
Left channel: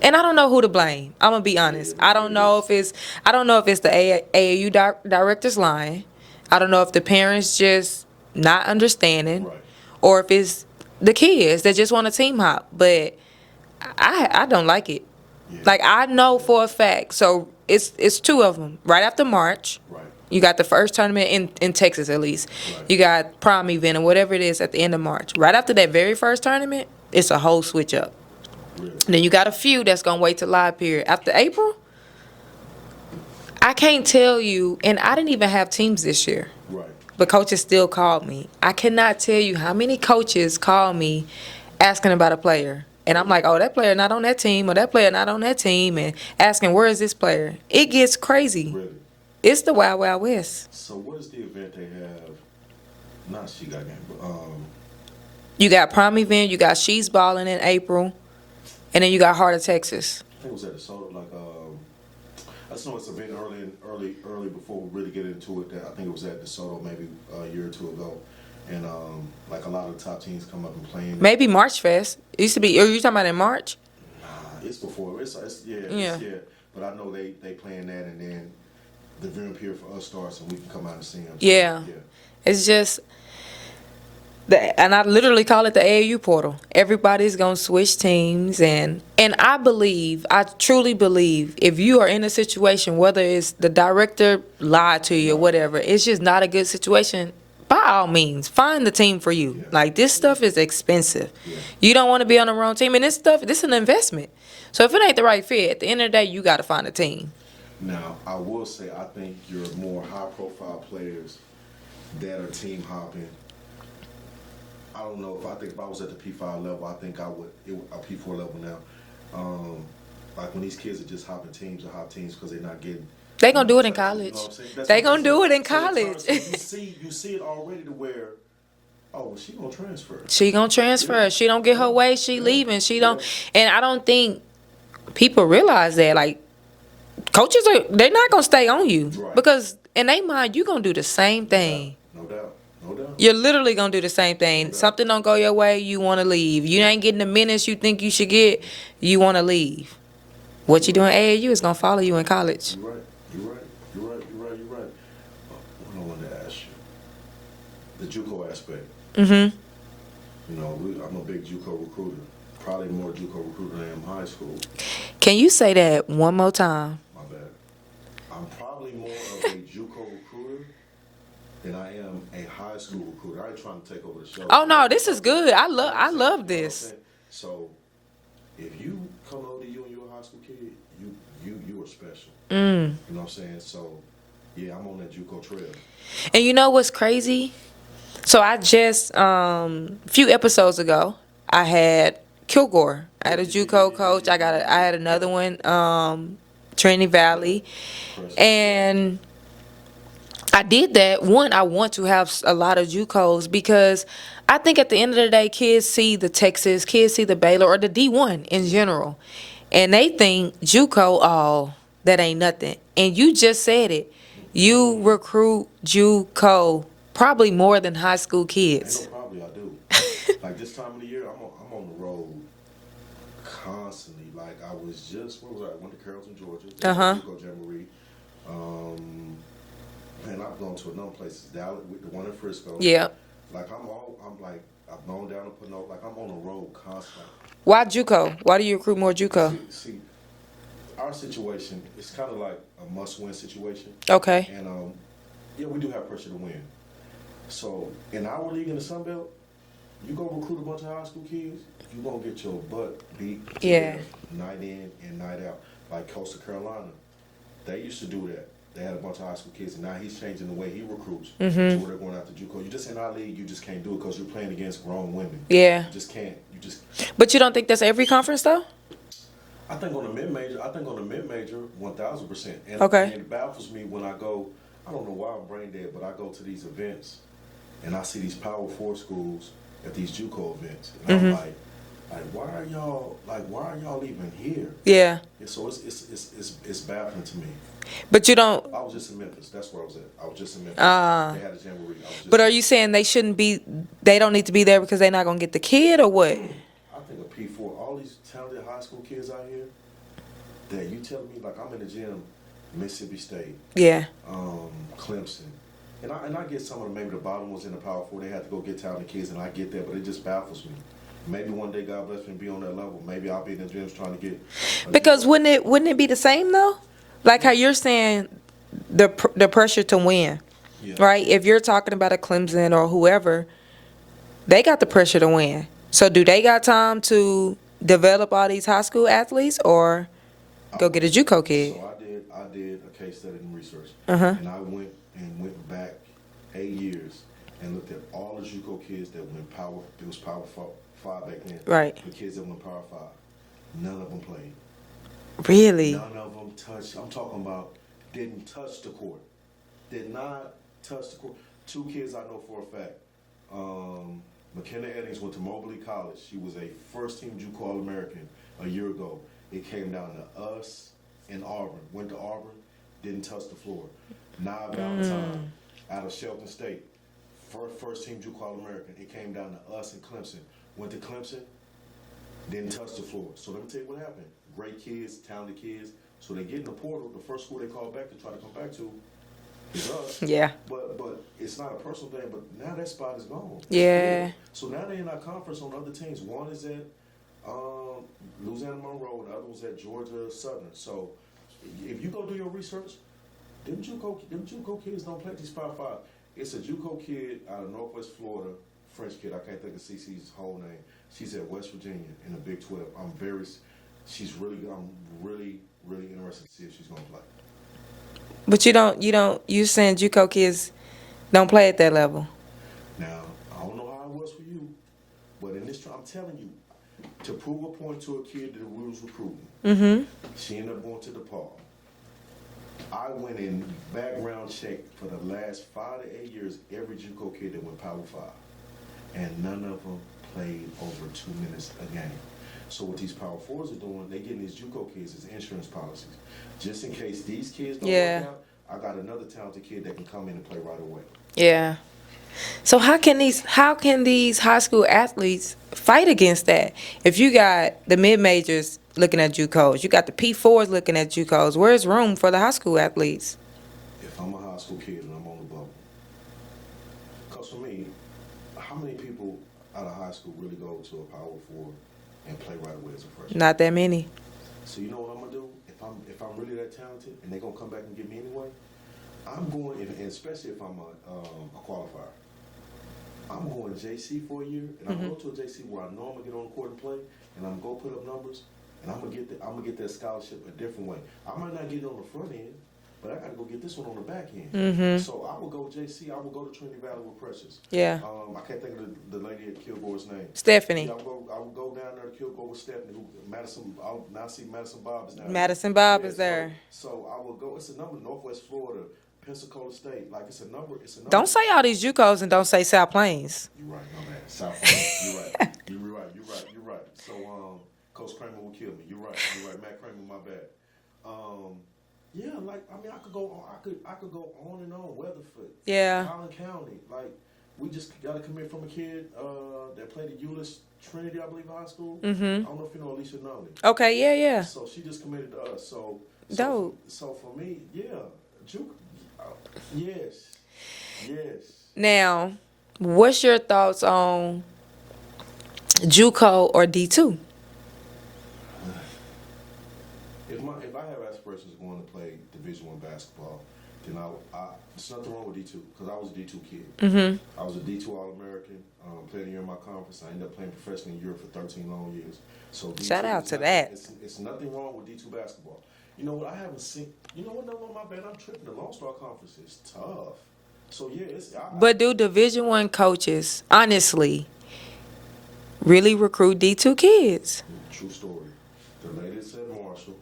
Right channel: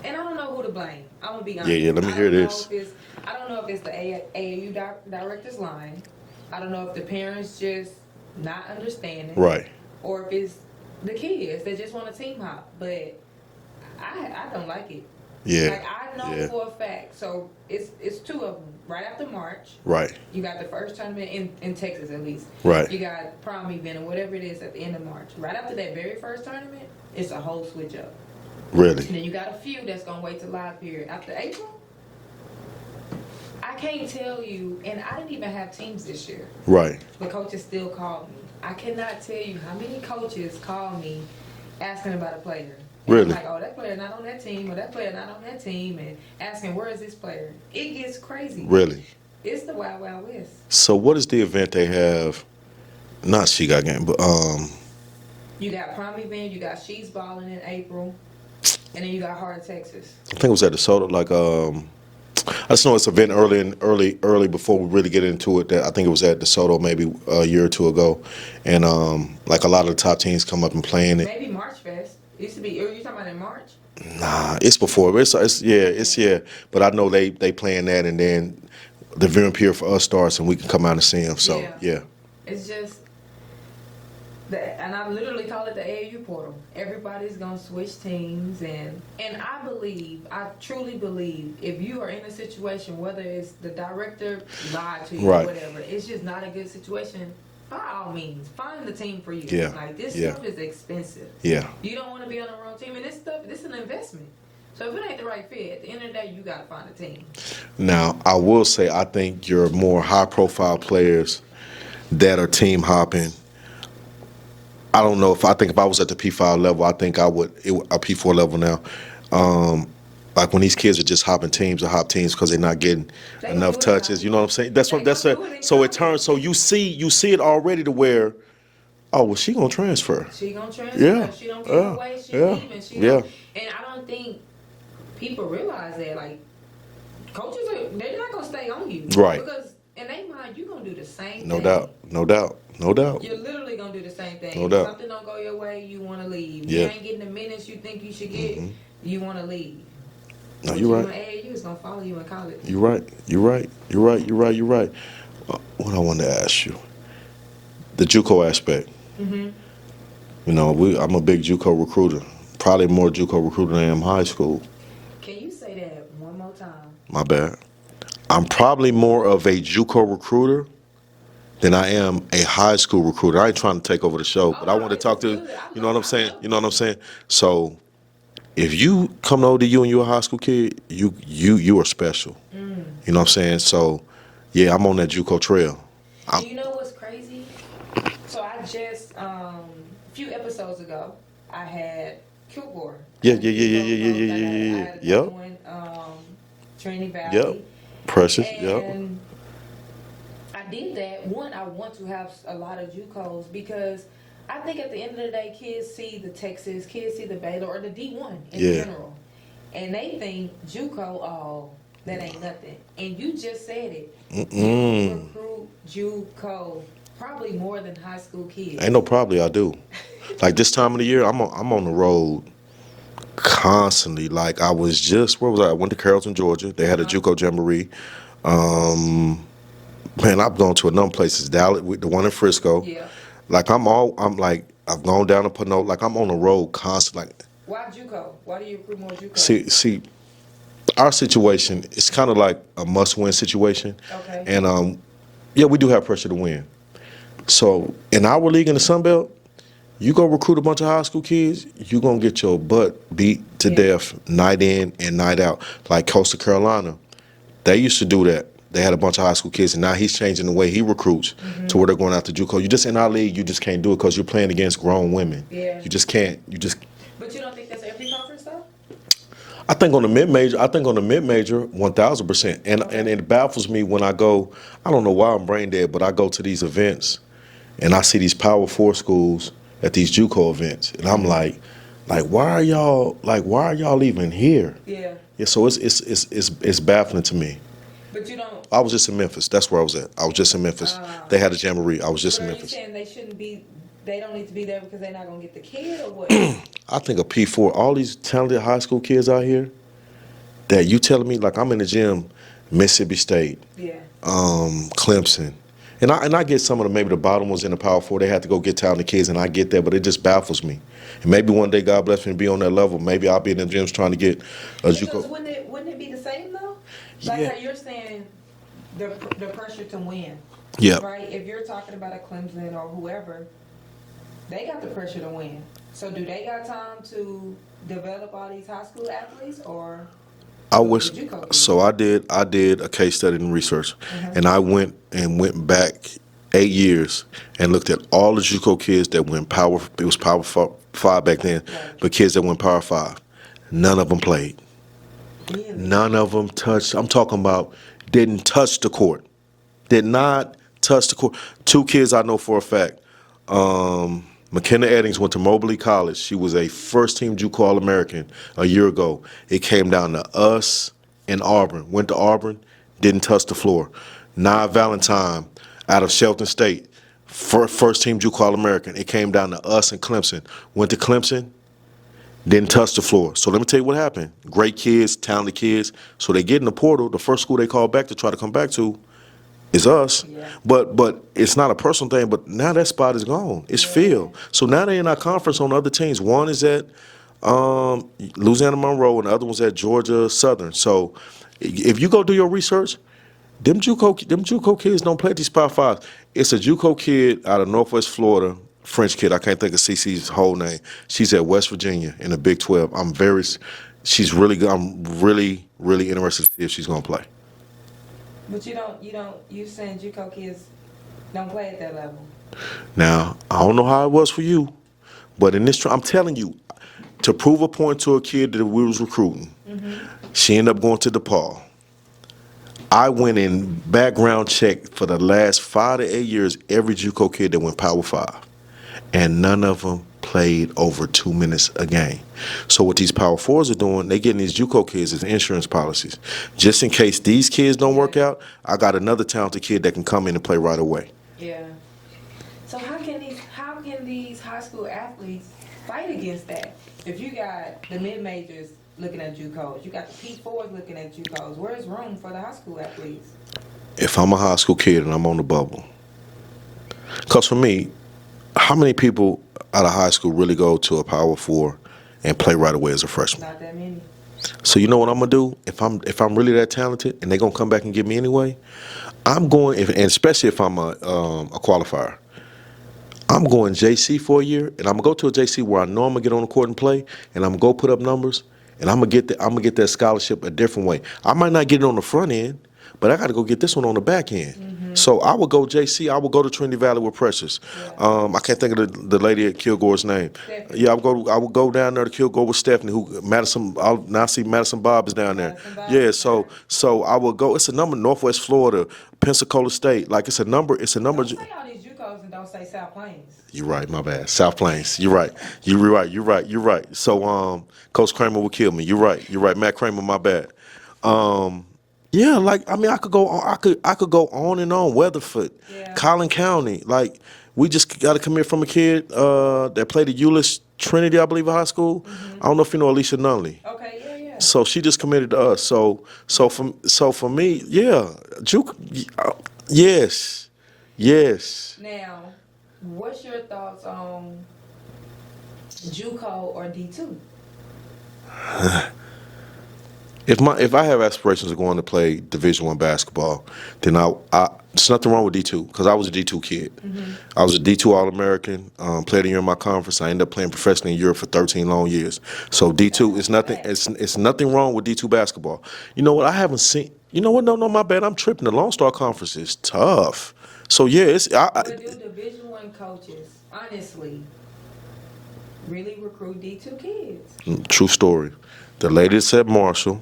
and I don't know who to blame. I'm gonna be honest. I don't know if it's the AAU director's lying. I don't know if the parents just not understanding. Right. or if it's the kids that just want to team hop. But I don't like it. Yeah. Like, I know for a fact. So it's 2 of them. Right after March. Right. You got the first tournament in Texas, at least. Right. You got prom event or whatever it is at the end of March. Right after that very first tournament, it's a whole switch up. Really? Then you got a few that's going to wait till live period. After April, I can't tell you, and I didn't even have teams this year. Right. But coaches still called me. I cannot tell you how many coaches call me asking about a player. And Really? I'm like, oh, that player not on that team, or that player not on that team, and asking, where is this player? It gets crazy. Really? It's the Wild Wild West. So what is the event they have? Not She Got Game, but You got prom event, you got She's Balling in April, and then you got Heart of Texas. I think it was at DeSoto. Like I just know it's an event early before we really get into it. That I think it was at DeSoto maybe a year or 2 ago, and like a lot of the top teams come up and playing it. Maybe March Fest. It used to be. Are you talking about in March? Nah, it's before. It's But I know they playing that, and then the viewing period for us starts, and we can come out and see them. So, yeah. It's just, and I literally call it the AAU portal. Everybody's gonna switch teams, and I truly believe, if you are in a situation, whether it's the director lied to you or whatever, it's just not a good situation. By all means, find the team for you. Yeah. Like, this stuff is expensive. Yeah. You don't want to be on the wrong team, and this is an investment. So if it ain't the right fit, at the end of the day, you got to find a team. Now, I will say, I think your more high-profile players that are team hopping, I don't know if I was at the P5 level, I think I would, a P4 level now. Like when these kids are just hopping teams or hop teams because they're not getting enough touches. In college. You know what I'm saying? They're gonna do it in college. So you see it already to where, oh, well, she gonna transfer. She gonna transfer. Yeah. She don't get her way. She leaving. She don't. And I don't think people realize that. Like, coaches they're not gonna stay on you, right? Because in their mind, you gonna do the same thing. No doubt. You're literally gonna do the same thing. No doubt. Something don't go your way, you want to leave. You ain't getting the minutes you think you should get. You want to leave. What you doing AAU is gonna follow you in college. You're right. What I wanted to ask you, the JUCO aspect. Mm-hmm. You know, I'm a big JUCO recruiter. Probably more JUCO recruiter than I am high school. Can you say that one more time? My bad. I'm probably more of a JUCO recruiter than I am a high school recruiter. I ain't trying to take over the show. Oh no, this is good. I love this. You know what I'm saying? So, if you come to ODU and you're a high school kid, you are special. You know what I'm saying? So, yeah, I'm on that JUCO trail. And you know what's crazy? So I just a few episodes ago, I had Kilgore. I had a JUCO coach. I had another one, Trinity Valley. Precious. And I did that. One, I want to have a lot of JUCOs because I think at the end of the day, kids see the Texas, kids see the Baylor, or the D1 in general. And they think JUCO, oh, that ain't nothing. And you just said it. You recruit JUCO probably more than high school kids. Ain't no probably, I do. Like this time of the year, I'm on the road constantly. Like I was just, where was I? I went to Carrollton, Georgia. They had a JUCO jamboree. Man, I've gone to a number of places. Dallas, the one in Frisco. Yeah. Like I've gone down to Pinot. Like I'm on the road constantly. Like, why JUCO? Why do you recruit more JUCO? See, our situation is kind of like a must-win situation. Okay. And yeah, we do have pressure to win. So in our league in the Sunbelt, you go recruit a bunch of high school kids, you're going to get your butt beat to death night in and night out. Like Coastal Carolina, they used to do that. They had a bunch of high school kids, and now he's changing the way he recruits to where they're going out to JUCO. You just, in our league, you just can't do it because you're playing against grown women. Yeah. You just can't. But you don't think that's every conference, though? I think on the mid-major, 1,000%. And it baffles me when I go, I don't know why I'm brain dead, but I go to these events, and I see these Power 4 schools at these JUCO events, and I'm like, why are y'all even here? Yeah. Yeah. So it's baffling to me. But you don't. I was just in Memphis. That's where I was at. I was just in Memphis. They had a jamboree. I was just. But are you saying they shouldn't be? They don't need to be there because they're not gonna get the kid, or what? I think a P4. All these talented high school kids out here. That you telling me, like I'm in the gym, Mississippi State. Yeah. Clemson, And I get some of maybe the bottom ones in the Power Four. They have to go get talented kids, and I get that, but it just baffles me. And maybe one day, God bless me, to be on that level. Maybe I'll be in the gyms trying to get. Because wouldn't it be the same though? Like how you're saying, the pressure to win. Yeah. Right. If you're talking about a Clemson or whoever, they got the pressure to win. So do they got time to develop all these high school athletes, or get a JUCO kid? So I did a case study and research, and I went back 8 years and looked at all the JUCO kids that went Power. It was Power 5 back then, right? But kids that went Power 5, none of them played. Really? None of them touched. I'm talking about didn't touch the court. Did not touch the court. 2 kids I know for a fact. McKenna Eddings went to Mobley College. She was a first-team JUCO All-American a year ago. It came down to us and Auburn. Went to Auburn, didn't touch the floor. Nia Valentine out of Shelton State, first-team JUCO All-American. It came down to us and Clemson. Went to Clemson, didn't touch the floor. So let me tell you what happened. Great kids, talented kids. So they get in the portal. The first school they call back to try to come back to is us. Yeah. But it's not a personal thing, but now that spot is gone. It's filled. So now they're in our conference on other teams. One is at Louisiana Monroe and the other one's at Georgia Southern. So if you go do your research, them JUCO kids don't play at these Power 5s. It's a JUCO kid out of Northwest Florida, French kid. I can't think of CC's whole name. She's at West Virginia in the Big 12. She's really good. I'm really, really interested to see if she's going to play. But you saying JUCO kids don't play at that level. Now, I don't know how it was for you, but in this, I'm telling you, to prove a point to a kid that we was recruiting, she ended up going to DePaul. I went in background check for the last 5 to 8 years, every JUCO kid that went Power 5, and none of them played over 2 minutes a game. So what these Power 4s are doing, they getting these JUCO kids as insurance policies. Just in case these kids don't work out, I got another talented kid that can come in and play right away. Yeah. So how can these high school athletes fight against that? If you got the mid-majors looking at JUCOs, you got the P4s looking at JUCOs, where's room for the high school athletes? If I'm a high school kid and I'm on the bubble, because for me, how many people out of high school really go to a Power 4 and play right away as a freshman? Not that many. So you know what I'm gonna do? If I'm really that talented and they're gonna come back and get me anyway, I'm going, and especially if I'm a qualifier, I'm going JC for a year, and I'm gonna go to a JC where I know I'm gonna get on the court and play, and I'm gonna go put up numbers, and I'm gonna get that scholarship a different way. I might not get it on the front end, but I got to go get this one on the back end. So I would go JC. I would go to Trinity Valley with Precious. Yeah. I can't think of the lady at Kilgore's name. Stephanie. Yeah, I would go down there to Kilgore with Stephanie. Now I see Madison Bob is down there. Madison Bob is there. So I would go. It's a number. Northwest Florida, Pensacola State. Like it's a number. Don't say all these JUCOs and don't say South Plains. You're right. My bad. South Plains. You're right. You're right. So Coach Kramer will kill me. You're right. Matt Kramer. My bad. Yeah, like I mean, I could go go on and on. Weatherford, Collin County. Like we just got to come here from a kid that played at Euless Trinity, I believe, high school. I don't know if you know Alicia Nunley. Okay, yeah. So she just committed to us. So for me, yeah, JUCO, yes. Now, what's your thoughts on JUCO or D2? If I have aspirations of going to play Division I basketball, then there's nothing wrong with D2 because I was a D2 kid. I was a D2 All-American, played a year in my conference. I ended up playing professionally in Europe for 13 long years. So D2 is nothing. It's nothing wrong with D2 basketball. You know what? I haven't seen. You know what? No, my bad. I'm tripping. The Lone Star Conference is tough. So yeah, but do Division I coaches honestly really recruit D2 kids? True story. The lady that said Marshall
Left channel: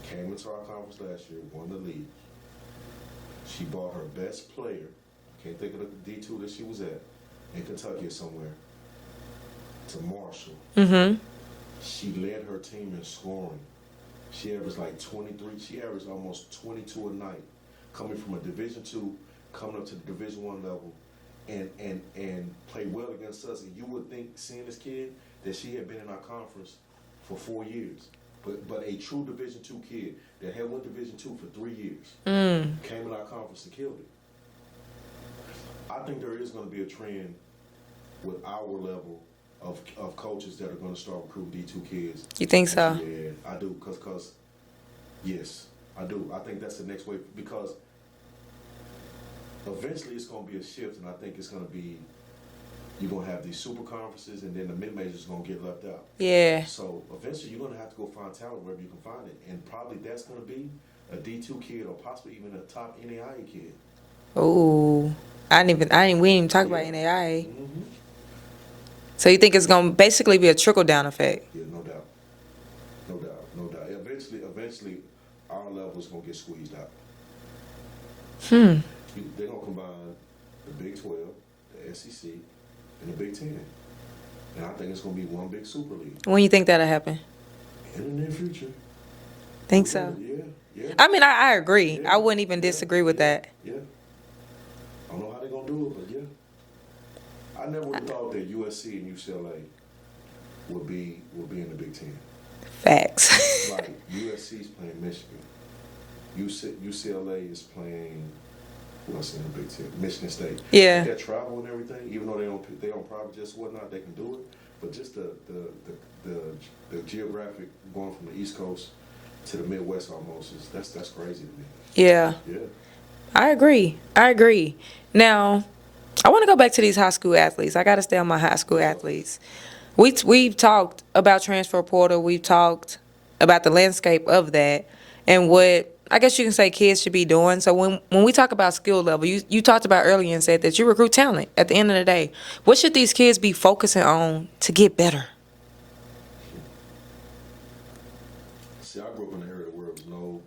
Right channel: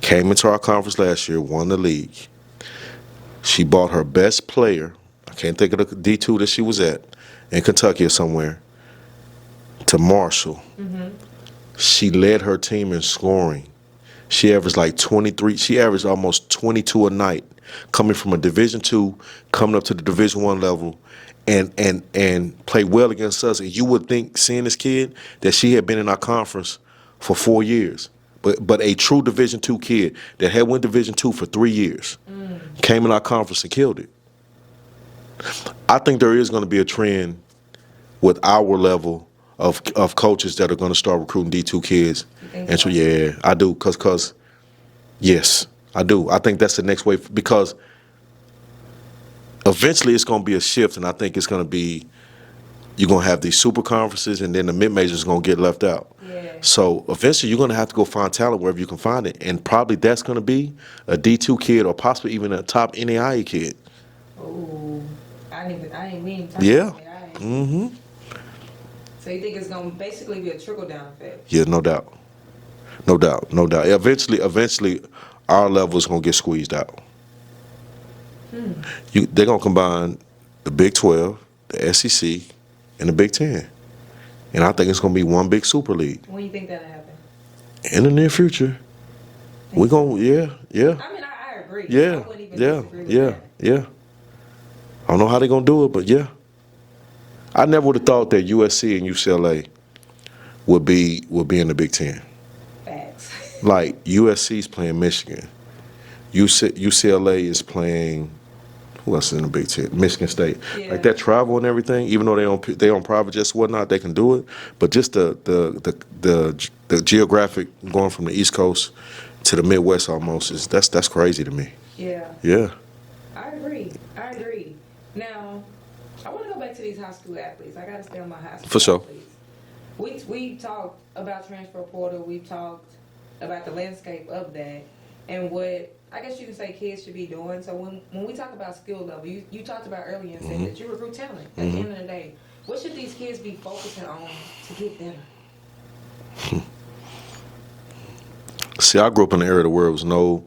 came into our conference last year, won the league. She bought her best player, I can't think of the D2 that she was at, in Kentucky or somewhere, to Marshall. She led her team in scoring. She averaged like 23. She averaged almost 22 a night, coming from a Division II, coming up to the Division I level, and played well against us. And you would think, seeing this kid, that she had been in our conference for 4 years. But a true Division II kid that had went Division II for 3 years came in our conference and killed it. I think there is going to be a trend with our level of coaches that are going to start recruiting D2 kids. You think and so? Yeah, I do. Cause yes, I do. I think that's the next wave because eventually it's going to be a shift, and I think it's going to be you're going to have these super conferences, and then the mid-majors going to get left out. Yeah. So eventually you're going to have to go find talent wherever you can find it, and probably that's going to be a D2 kid or possibly even a top NAIA kid. Ooh, we didn't even talk about NAIA. Mm-hmm. So you think it's going to basically be a trickle-down effect? Yeah, no doubt. No doubt, no doubt. Eventually, our level is going to get squeezed out. They're going to combine the Big 12, the SEC, and the Big 10. And I think it's going to be one big super league. When you think that'll happen? In the near future. Think so? Yeah. I mean, I agree. Yeah, I wouldn't even disagree with that. Yeah. I don't know how they're going to do it, but yeah. I never would have thought that USC and UCLA would be in the Big 10. Facts. Like, USC's playing Michigan. UCLA is playing, who else is in the Big 10? Michigan State. Yeah. Like that travel and everything, even though they on private jets and whatnot, they can do it. But just the geographic going from the East Coast to the Midwest almost that's crazy to me. Yeah. Yeah. I agree. Now, I want to go back to these high school athletes. I got to stay on my high school For sure. athletes. We've talked about transfer portal. We've talked about the landscape of that and what I guess you can say kids should be doing. So when we talk about skill level, you talked about earlier and said that you recruit talent at the end of the day. What should these kids be focusing on to get better? See, I grew up in an era where there was no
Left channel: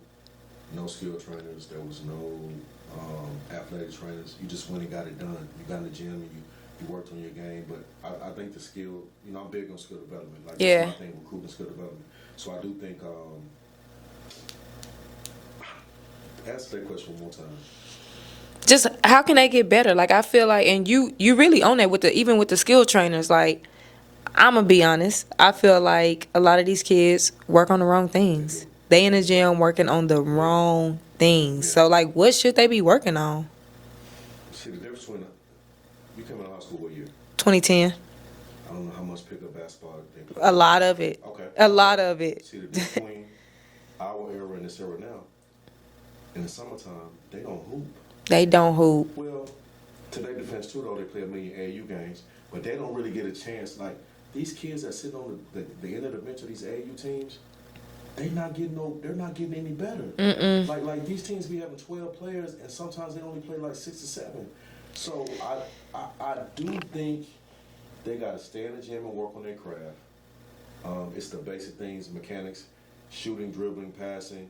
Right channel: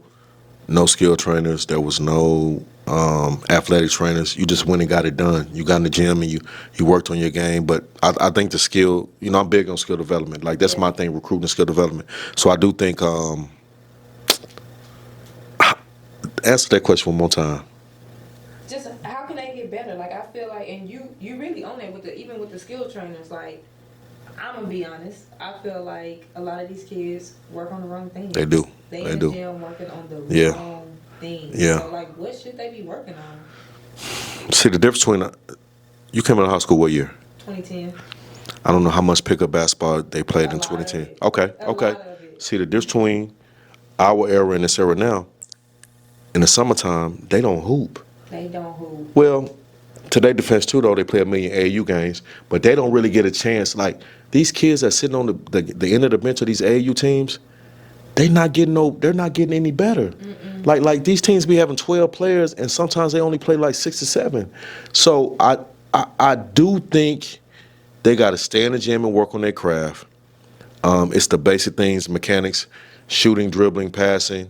skill trainers. There was no athletic trainers. You just went and got it done. You got in the gym and you worked on your game. But I think the skill, I'm big on skill development. Like, that's my thing, recruiting skill development. So I do think, answer that question one more time. Just how can they get better? Like, I feel like, and you really own that even with the skill trainers. Like, I'm gonna be honest. I feel like a lot of these kids work on the wrong things. They do. They in the gym working on the wrong things. Yeah. So, like, what should they be working on? See, the difference between you came out of high school what year? 2010. I don't know how much pickup basketball they played in 2010. A lot of it. Okay. A lot of it. See, the difference between our era and this era now, in the summertime, they don't hoop. They don't hoop. Well, to their defense too, though, they play a million AAU games, but they don't really get a chance. Like, these kids that sitting on the end of the bench of these AAU teams, they're not getting any better. Mm-mm. Like these teams be having 12 players, and sometimes they only play like 6 or 7. So I do think they got to stay in the gym and work on their craft. It's the basic things, mechanics, shooting, dribbling, passing.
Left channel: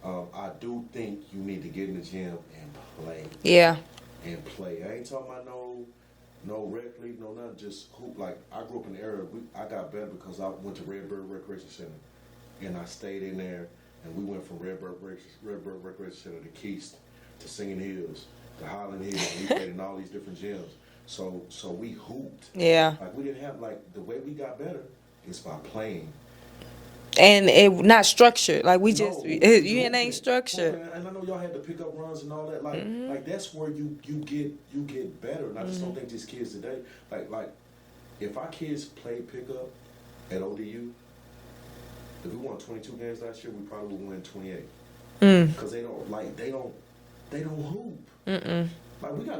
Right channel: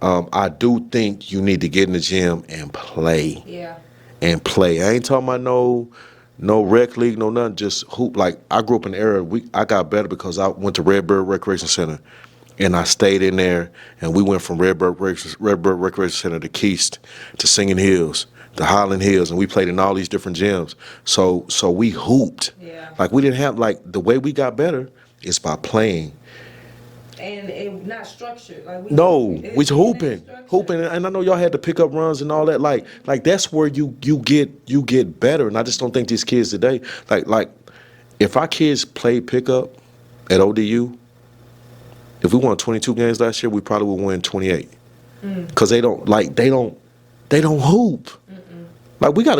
I do think you need to get in the gym and play. Yeah. And play. I ain't talking about no rec league, no nothing, just hoop. Like, I grew up in the era, I got better because I went to Redbird Recreation Center, and I stayed in there, and we went from Redbird Recreation Center to Keast to Singing Hills, to Highland Hills, and we played in all these different gyms. So we hooped. Yeah. Like, we didn't have, like, the way we got better is by playing. And it not structured. Like, we hooping. Structured. And I know y'all had to pick up runs and all that. Like that's where you get better. And I just don't think these kids today, like if our kids played pickup at ODU, if we won 22 games last year, we probably would win 28. Because they don't hoop. Mm-mm. Like, we got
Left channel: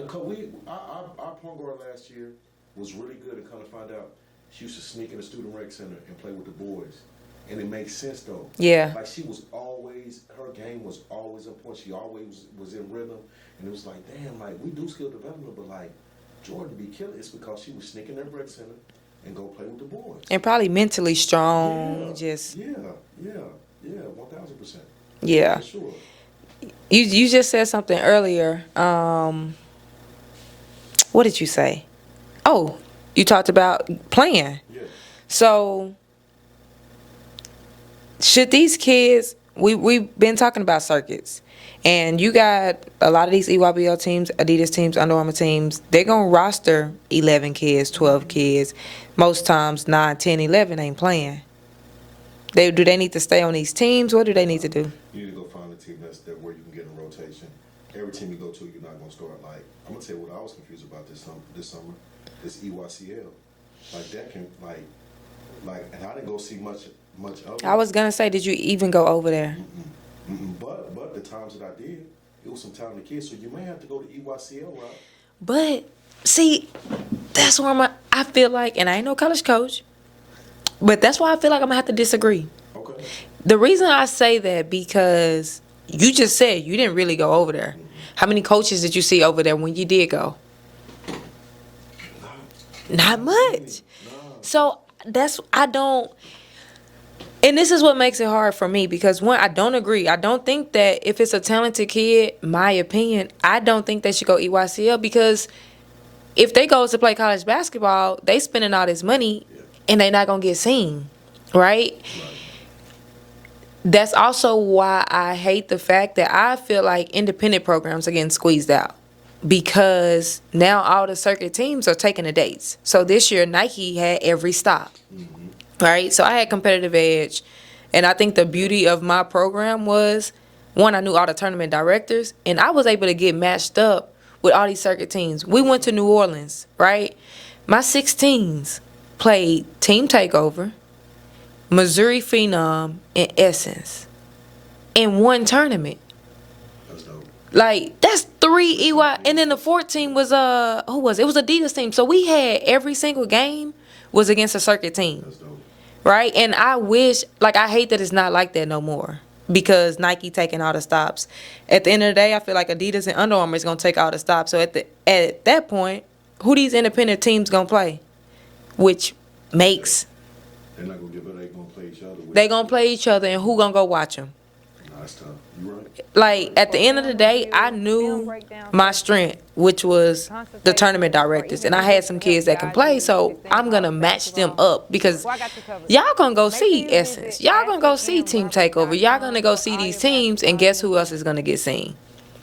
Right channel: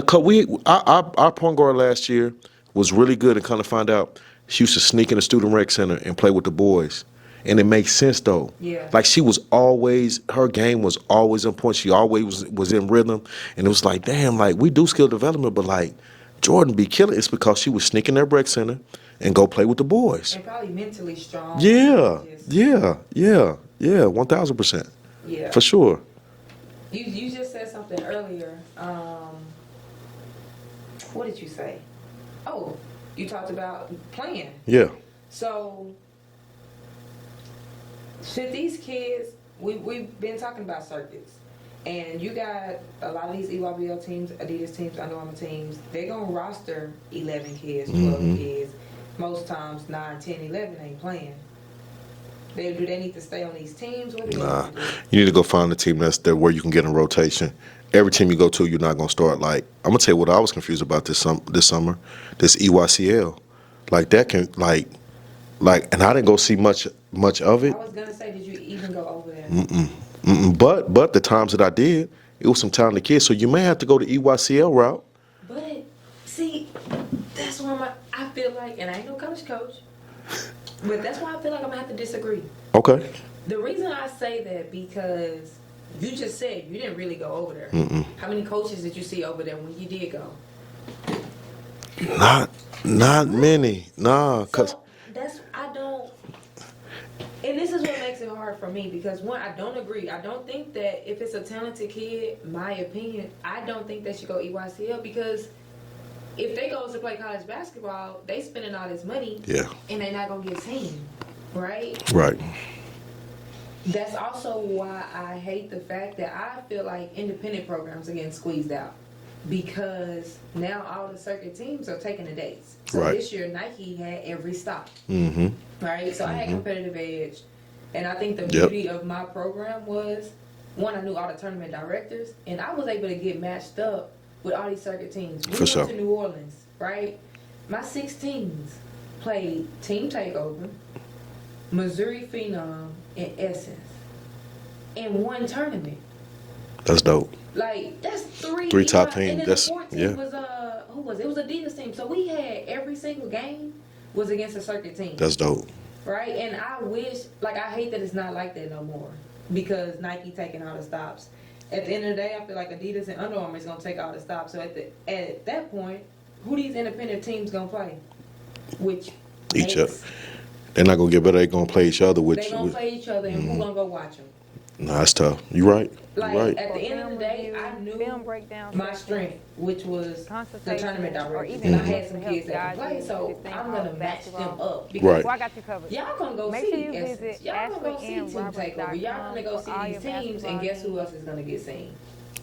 our point guard last year was really good, and kind of find out she used to sneak in the student rec center and play with the boys. And it makes sense, though. Yeah. Like, her game was always on point. She always was in rhythm. And it was like, damn, like, we do skill development, but, like, Jordan be killing. It's because she was sneaking their rec center and go play with the boys. And probably mentally strong. Yeah. 1,000%. Yeah. For sure. You just said something earlier. What did you say? Oh, you talked about playing. Yeah. So, should these kids, we've been talking about circuits, and you got a lot of these EYBL teams, Adidas teams, Under Armour teams, they're going to roster 11 kids, 12 kids. Most times 9, 10, 11 ain't playing. Do they need to stay on these teams? What do they need to do? You need to go find a team that's there where you can get in rotation every team you go to, you're not gonna start. Like, I'm gonna tell you what I was confused about this summer, this EYCL, like that can like, and I didn't go see much of it. I was gonna say, did you even go over there? But the times that I did, it was some talented kids. So you may have to go the EYCL route. But see, that's where I feel like, and I ain't no college coach, but that's why I feel like I'm gonna have to disagree. Okay. The reason I say that because you just said you didn't really go over there. How many coaches did you see over there when you did go? Not many. Nah. So I don't. And this is what makes it hard for me because, one, I don't agree. I don't think that if it's a talented kid, my opinion, I don't think they should go EYCL because if they go to play college basketball, they spending all this money and they not going to get seen, right? Right. That's also why I hate the fact that I feel like independent programs are getting squeezed out because now all the circuit teams are taking the dates. So this year, Nike had every stop. Mm-hmm. Right? So I had competitive edge. And I think the beauty of my program was, one, I knew all the tournament directors, and I was able to get matched up with all these circuit teams. We went to New Orleans, right? My 16s played Team Takeover, Missouri Phenom, and Essence in one tournament. That's dope. Like, that's three EY. Top And then the 14 was, who was it? It was Adidas team. So we had every single game was against a circuit team. That's dope. Right? And I wish, like, I hate that it's not like that no more because Nike taking all the stops. At the end of the day, I feel like Adidas and Under Armour is going to take all the stops. So at that point, who these independent teams going to play? Which makes... They're not going to get better. They're going to play each other. They're going to play each other, and who going to go watch them? No, that's tough. You're right. Like, at the end of the day, I knew my strength, which was the tournament directors. And I had some kids that can play, so I'm going to match them up. Because y'all going to go see Essence. Y'all going to go see Team Takeover. Y'all going to go see these teams, and guess who else is going to get seen?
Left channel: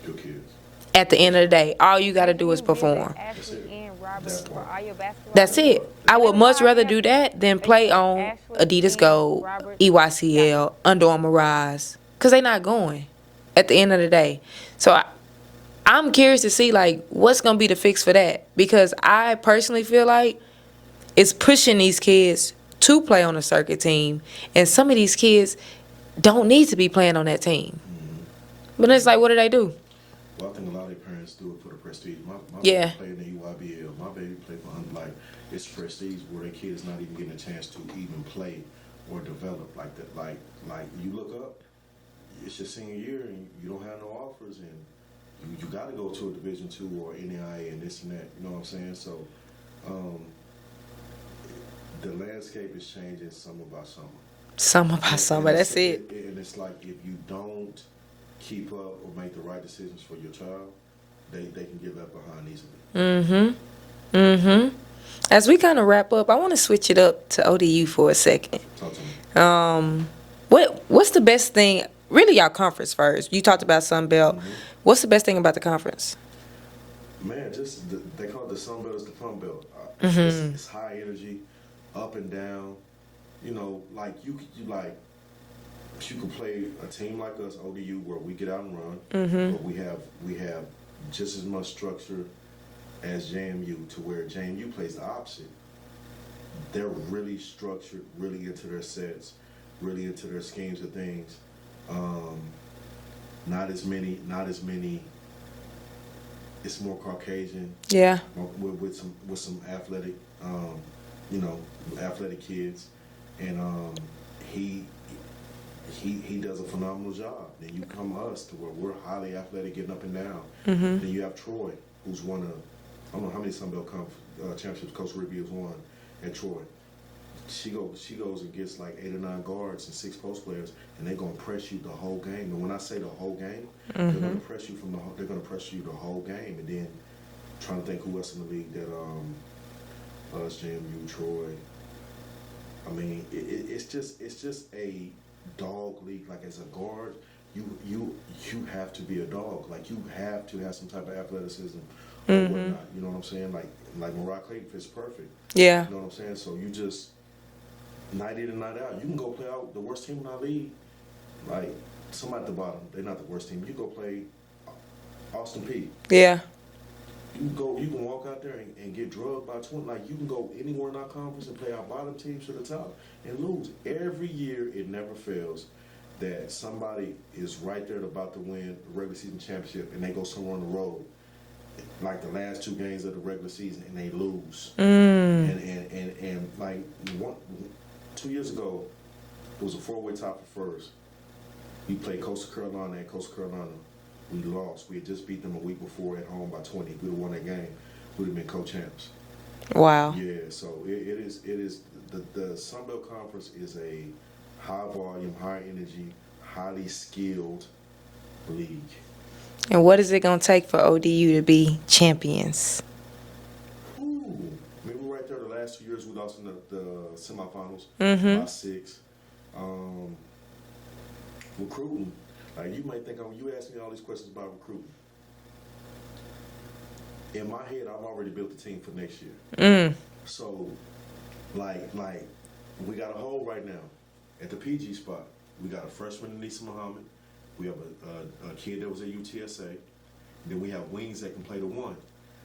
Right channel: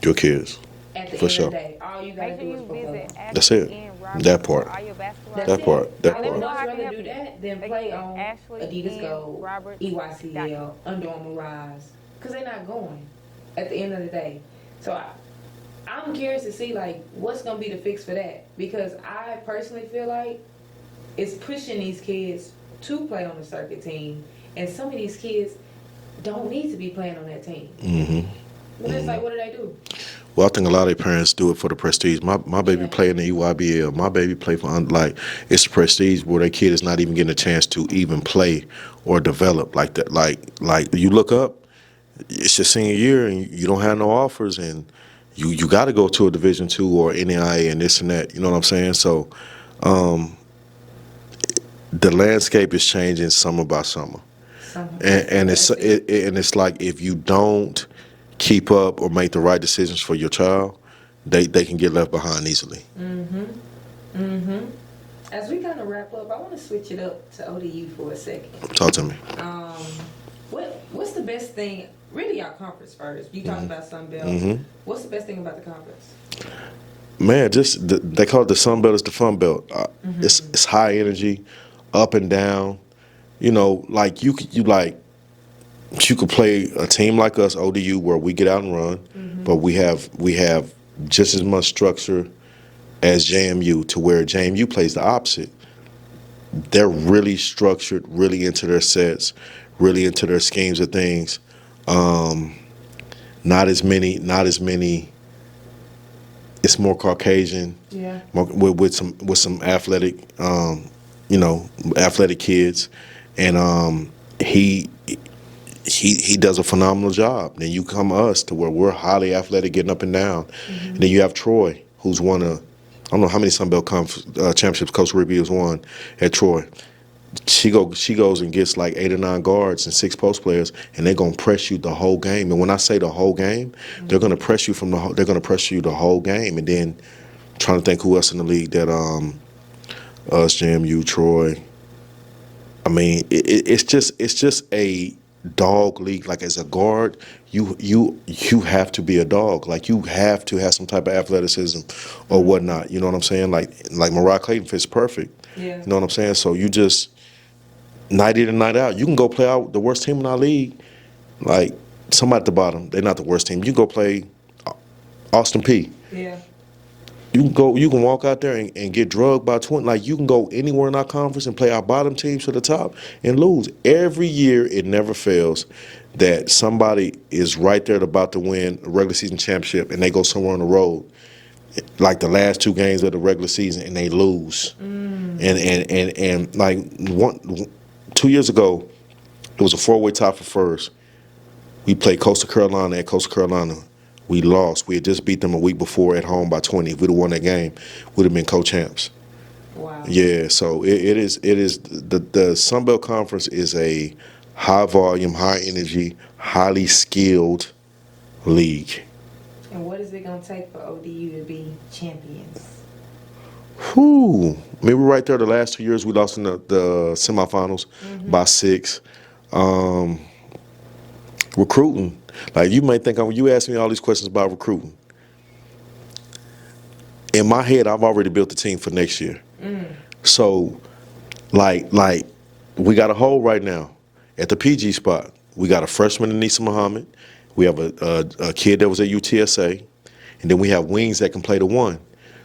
Your kids. At the end of the day, all you got to do is perform. That's it. That part. That's it. I would much rather do that than play on Adidas Gold, EYCL, Under Armour Rise. Because they're not going at the end of the day. So I'm curious to see, like, what's going to be the fix for that. Because I personally feel like it's pushing these kids to play on a circuit team. And some of these kids don't need to be playing on that team. Mm-hmm. But it's like, what do they do? Well, I think a lot of their parents do it for the prestige. My baby played in the EYBL. My baby played for, it's a prestige where their kid is not even getting a chance to even play or develop like that. Like you look up, it's your senior year and you don't have no offers and you got to go to a Division II or NAIA and this and that. You know what I'm saying? So the landscape is changing summer by summer. Summer by summer, that's it. And it's like if you don't keep up or make the right decisions for your child, they can get left behind easily. Mm-hmm. Mm-hmm. As we kind of wrap up, I want to switch it up to ODU for a second. Talk to me. What's the best thing? Really, y'all conference first. You talked about Sunbelt. Mm-hmm. What's the best thing about the conference? Man, they call it the Sunbelt. It's the fun belt. It's high energy, up and down. You know, like you could play a team like us, ODU, where we get out and run, but we have just as much structure as JMU, to where JMU plays the opposite. They're really structured, really into their sets, really into their schemes of things. Not as many. It's more Caucasian. Yeah. With some athletic, athletic kids, and he does a phenomenal job. Then you come to us to where we're highly athletic, getting up and down. Mm-hmm. Then you have Troy, who's won I don't know how many Sunbelt championships Coach Ribby has won at Troy. She goes and gets like 8 or 9 guards and 6 post players, and they're gonna press you the whole game. And when I say the whole game, they're gonna press you the whole game. And then trying to think who else in the league that us, JMU, Troy. I mean, it's just a dog league. Like as a guard, you have to be a dog. Like you have to have some type of athleticism or whatnot. You know what I'm saying? Like Mariah Clayton fits perfect. Yeah. You know what I'm saying? So you just night in and night out, you can go play out the worst team in our league. Like somebody at the bottom, they're not the worst team. You go play Austin P. Yeah. You can walk out there and get drugged by 20. Like, you can go anywhere in our conference and play our bottom teams to the top and lose. Every year, it never fails that somebody is right there about to win a regular season championship, and they go somewhere on the road, like the last 2 games of the regular season, and they lose. And like 2 years ago, it was a 4-way tie for first. We played Coastal Carolina at Coastal Carolina. We lost. We had just beat them a week before at home by 20. If we'd have won that game, we'd have been co-champs. Wow. Yeah, so it is the Sunbelt Conference is a high volume, high energy, highly skilled league. And what is it going to take for ODU to be champions? Whew. I mean, we're right there. The last 2 years, we lost in the semifinals by 6. Recruiting. Like, you may think, you ask me all these questions about recruiting. In my head, I've already built the team for next year. So, like, we got a hole right now at the PG spot. We got a freshman, Anissa Muhammad. We have a kid that was at UTSA. And then we have wings that can play the 1.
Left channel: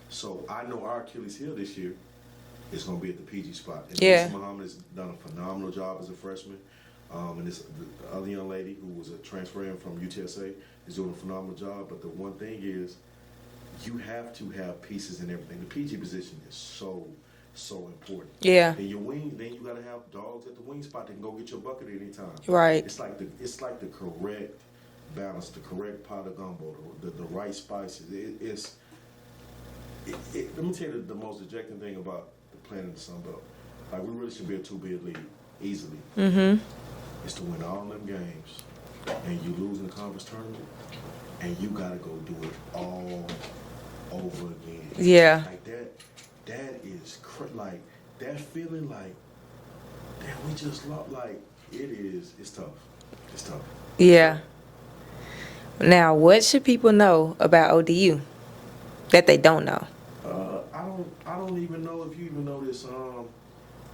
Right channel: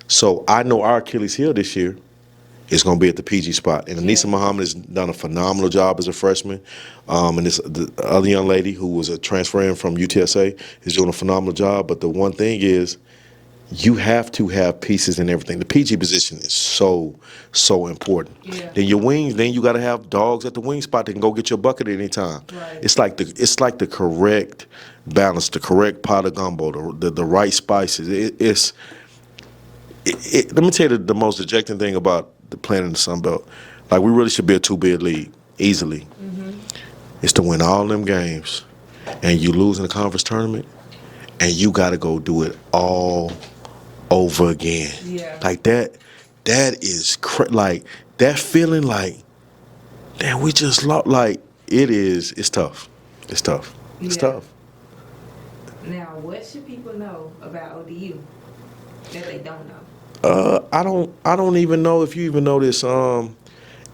So I know our Achilles heel this year is going to be at the PG spot. And Anissa Muhammad has done a phenomenal job as a freshman. And the other young lady who was a transfer in from UTSA is doing a phenomenal job. But the one thing is, you have to have pieces in everything. The PG position is so important. Yeah. Then your wings, then you got to have dogs at the wing spot that can go get your bucket at any time. Right. It's like the correct balance, the correct pot of gumbo, the right spices. Let me tell you the most dejecting thing about the playing in the Sunbelt. Like, we really should be a 2-bid league easily. It's to win all them games, and you lose in the conference tournament, and you got to go do it all over again. Yeah. Like that is like that feeling. Like, damn, we just lost. Like, it's tough. It's tough. Yeah. It's tough. Now, what should people know about ODU that they don't know? I don't even know if you even know this.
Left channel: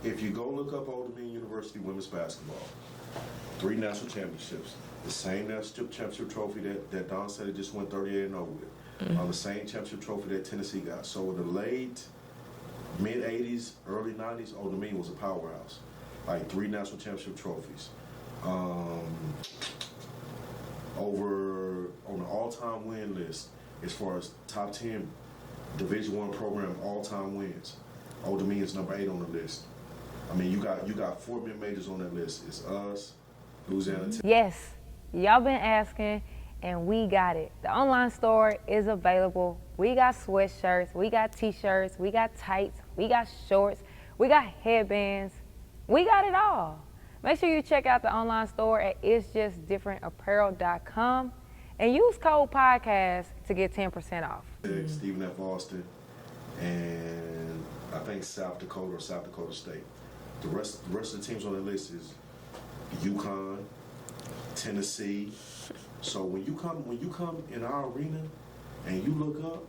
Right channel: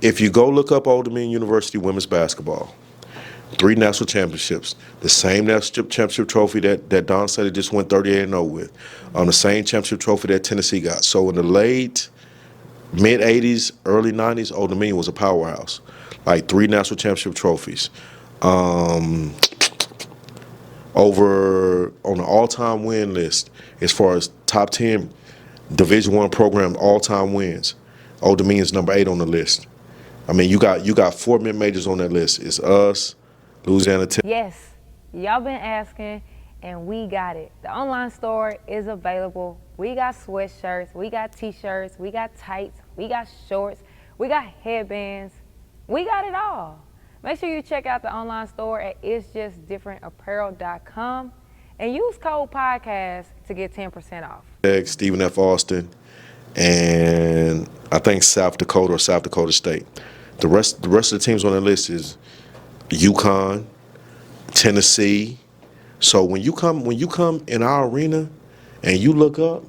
If you go look up Old Dominion University women's basketball, 3 national championships, the same national championship trophy that Don State just went 38-0 with, on the same championship trophy that Tennessee got. So in the late mid 80s, early 90s, Old Dominion was a powerhouse. Like 3 national championship trophies. Over on the all-time win list, as far as top 10 Division I program all-time wins, Old Dominion's number 8 on the list. I mean, you got 4 mid-majors on that list. It's us, Louisiana Tech. Yes, y'all been asking, and we got it. The online store is available. We got sweatshirts, we got t-shirts, we got tights, we got shorts, we got headbands. We got it all. Make sure you check out the online store at itsjustdifferentapparel.com and use code podcast to get 10% off. Stephen F. Austin, and I think South Dakota or South Dakota State. The rest of the teams on the list is UConn, Tennessee. So when you come in our arena and you look up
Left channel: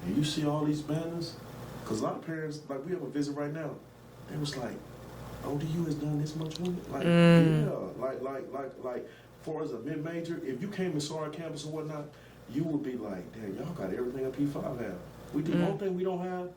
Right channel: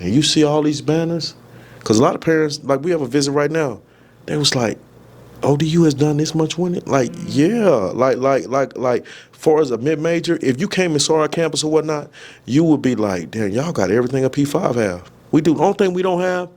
and you see all these banners, because a lot of parents, like, we have a visit right now, they was like, ODU has done this much winning? Like, yeah. Like, far as a mid-major, if you came and saw our campus or whatnot, you would be like, damn, y'all got everything a P5 have. We do. The only thing we don't have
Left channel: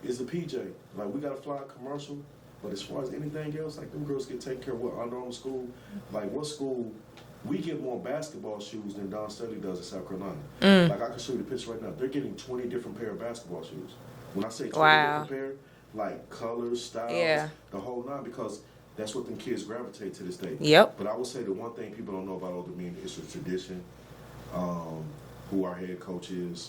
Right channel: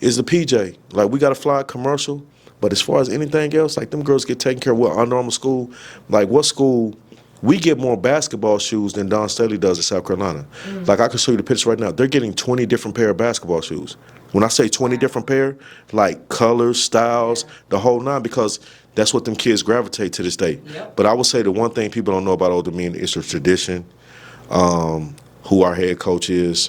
is the PJ. Like, we got to fly commercial. But as far as anything else, like, them girls get taken care of. What, Under Armour school? Like, what school? We get more basketball shoes than Don Staley does in South Carolina. Like, I can show you the pictures right now. They're getting 20 different pair of basketball shoes. When I say 20 different pair, like colors, styles, the whole nine, because that's what them kids gravitate to this day. Yep. But I would say the one thing people don't know about Old Dominion is the tradition, who our head coach is.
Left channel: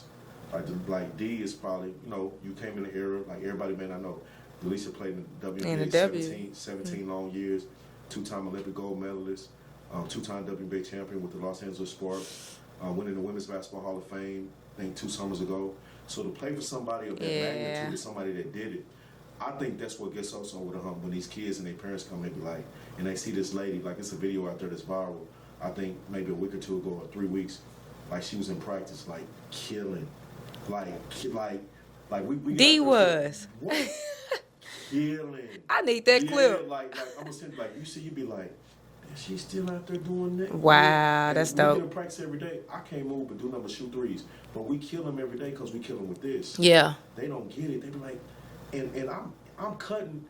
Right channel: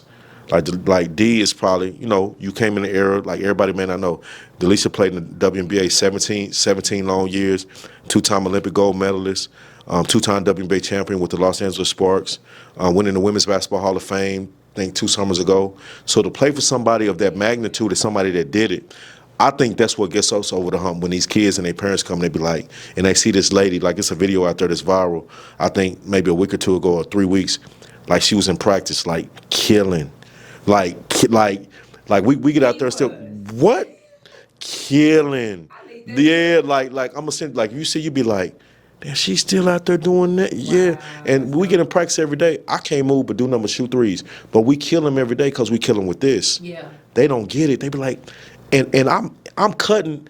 Like D is probably, you came in the era, like everybody may not know. Delisha played in the WNBA 17 long years, 2-time Olympic gold medalist, 2-time WNBA champion with the Los Angeles Sparks, winning the Women's Basketball Hall of Fame, I think 2 summers ago. So to play for somebody of that magnitude, as somebody that did it, I think that's what gets us over the hump when these kids and their parents come and they be like, and they see this lady, like, it's a video out there that's viral, I think maybe a week or 2 ago or 3 weeks, like, she was in practice, like, killing. Like we get out there and still, what? Killing. I need that clip. clip. Like I'm gonna send, like, you see, you be like, damn, she's still out there doing that. Wow, yeah. And that's we dope. get in practice every day. I can't move but do nothing but shoot threes. But we kill them every day because we kill them with this. Yeah. They don't get it. They be like, and I'm cutting.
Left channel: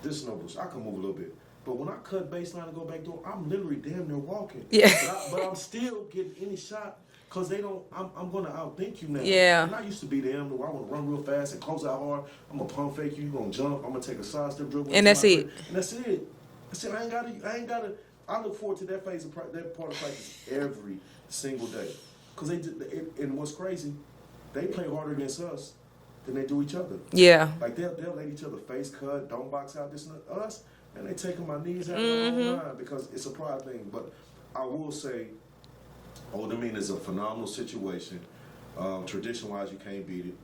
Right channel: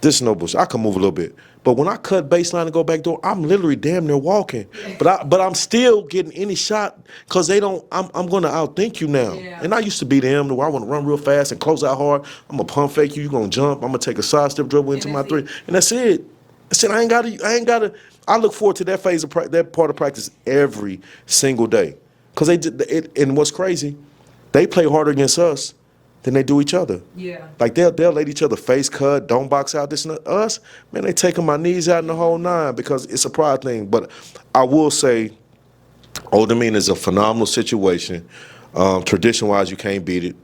This is no bullshit. I can move a little bit. But when I cut baseline and go back door, I'm literally damn near walking. Yeah. But I'm still getting any shot because they don't. I'm going to outthink you now. Yeah. And I used to be them where I want to run real fast and close out hard. I'm gonna pump fake you. You gonna jump. I'm gonna take a side step dribble into my three, and that's it. I said I ain't gotta. I look forward to that phase of that part of practice every single day because they did it. And what's crazy, they play harder against us than they do each other. Yeah. Like they'll let each other face cut, don't box out this and that. Us, man, they taking my knees out in the whole nine because it's a pride thing. But I will say, Old Demeanor is a phenomenal situation. Tradition-wise, you can't beat it.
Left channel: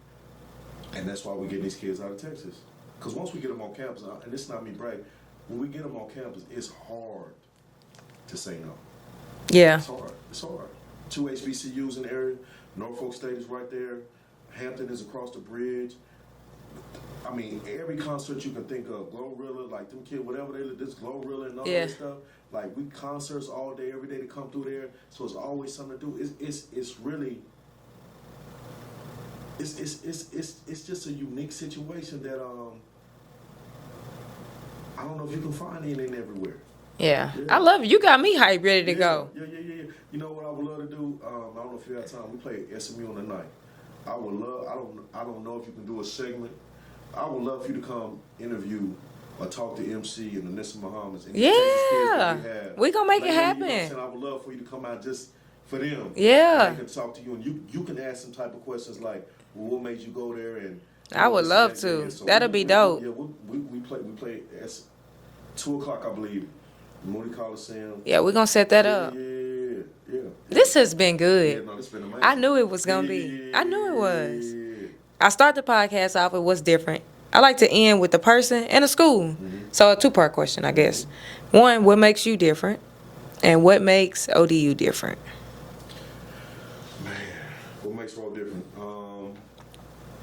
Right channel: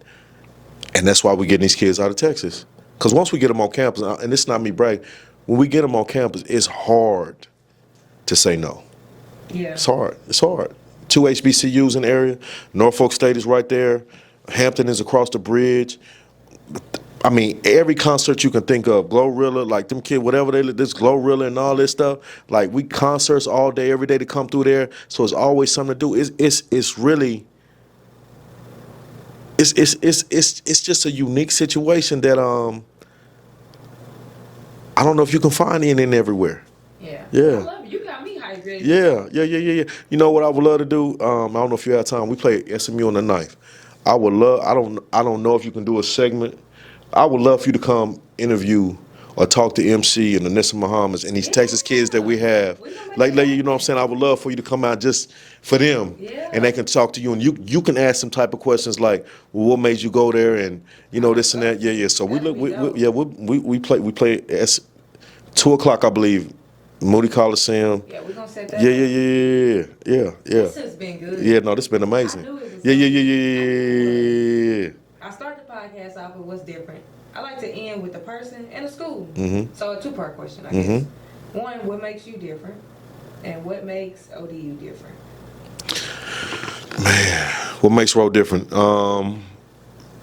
And that's why we're getting these kids out of Texas. Because once we get them on campus, and this is not me bragging, when we get them on campus, it's hard to say no. Yeah. It's hard. It's hard. 2 HBCUs in the area. Norfolk State is right there. Hampton is across the bridge. I mean, every concert you can think of, Glorilla, like them kids, whatever they this Glorilla and all this stuff. Like we concerts all day, every day to come through there. So it's always something to do. It's really it's just a unique situation that I don't know if you can find in everywhere. Yeah. Yeah. I love it. You got me hyped, ready to go. Yeah. You know what I would love to do? I don't know if you have time. We play SMU on the 9th. I would love. I don't know if you can do a segment. I would love for you to come interview or talk to MC and Anissa Muhammad's and these Texas kids that we have. We gonna make like, it happen. You know what I'm saying? I would love for you to come out just for them. Yeah. And they can talk to you and you can ask some type of questions like, well, what made you go there and you I know would this and love that. to. Yeah. So that'll be dope. We play at 2:00 I believe. Moody Coliseum. Yeah, we're going to set that up. Yeah. This has been good. Yeah, no, this has been amazing. I knew it was going to be. I knew it was. Yeah. I start the podcast off with what's different. I like to end with the person and the school. Mm-hmm. So a two-part question, I guess. One, what makes you different? And what makes ODU different? Man, what makes Road different? Man,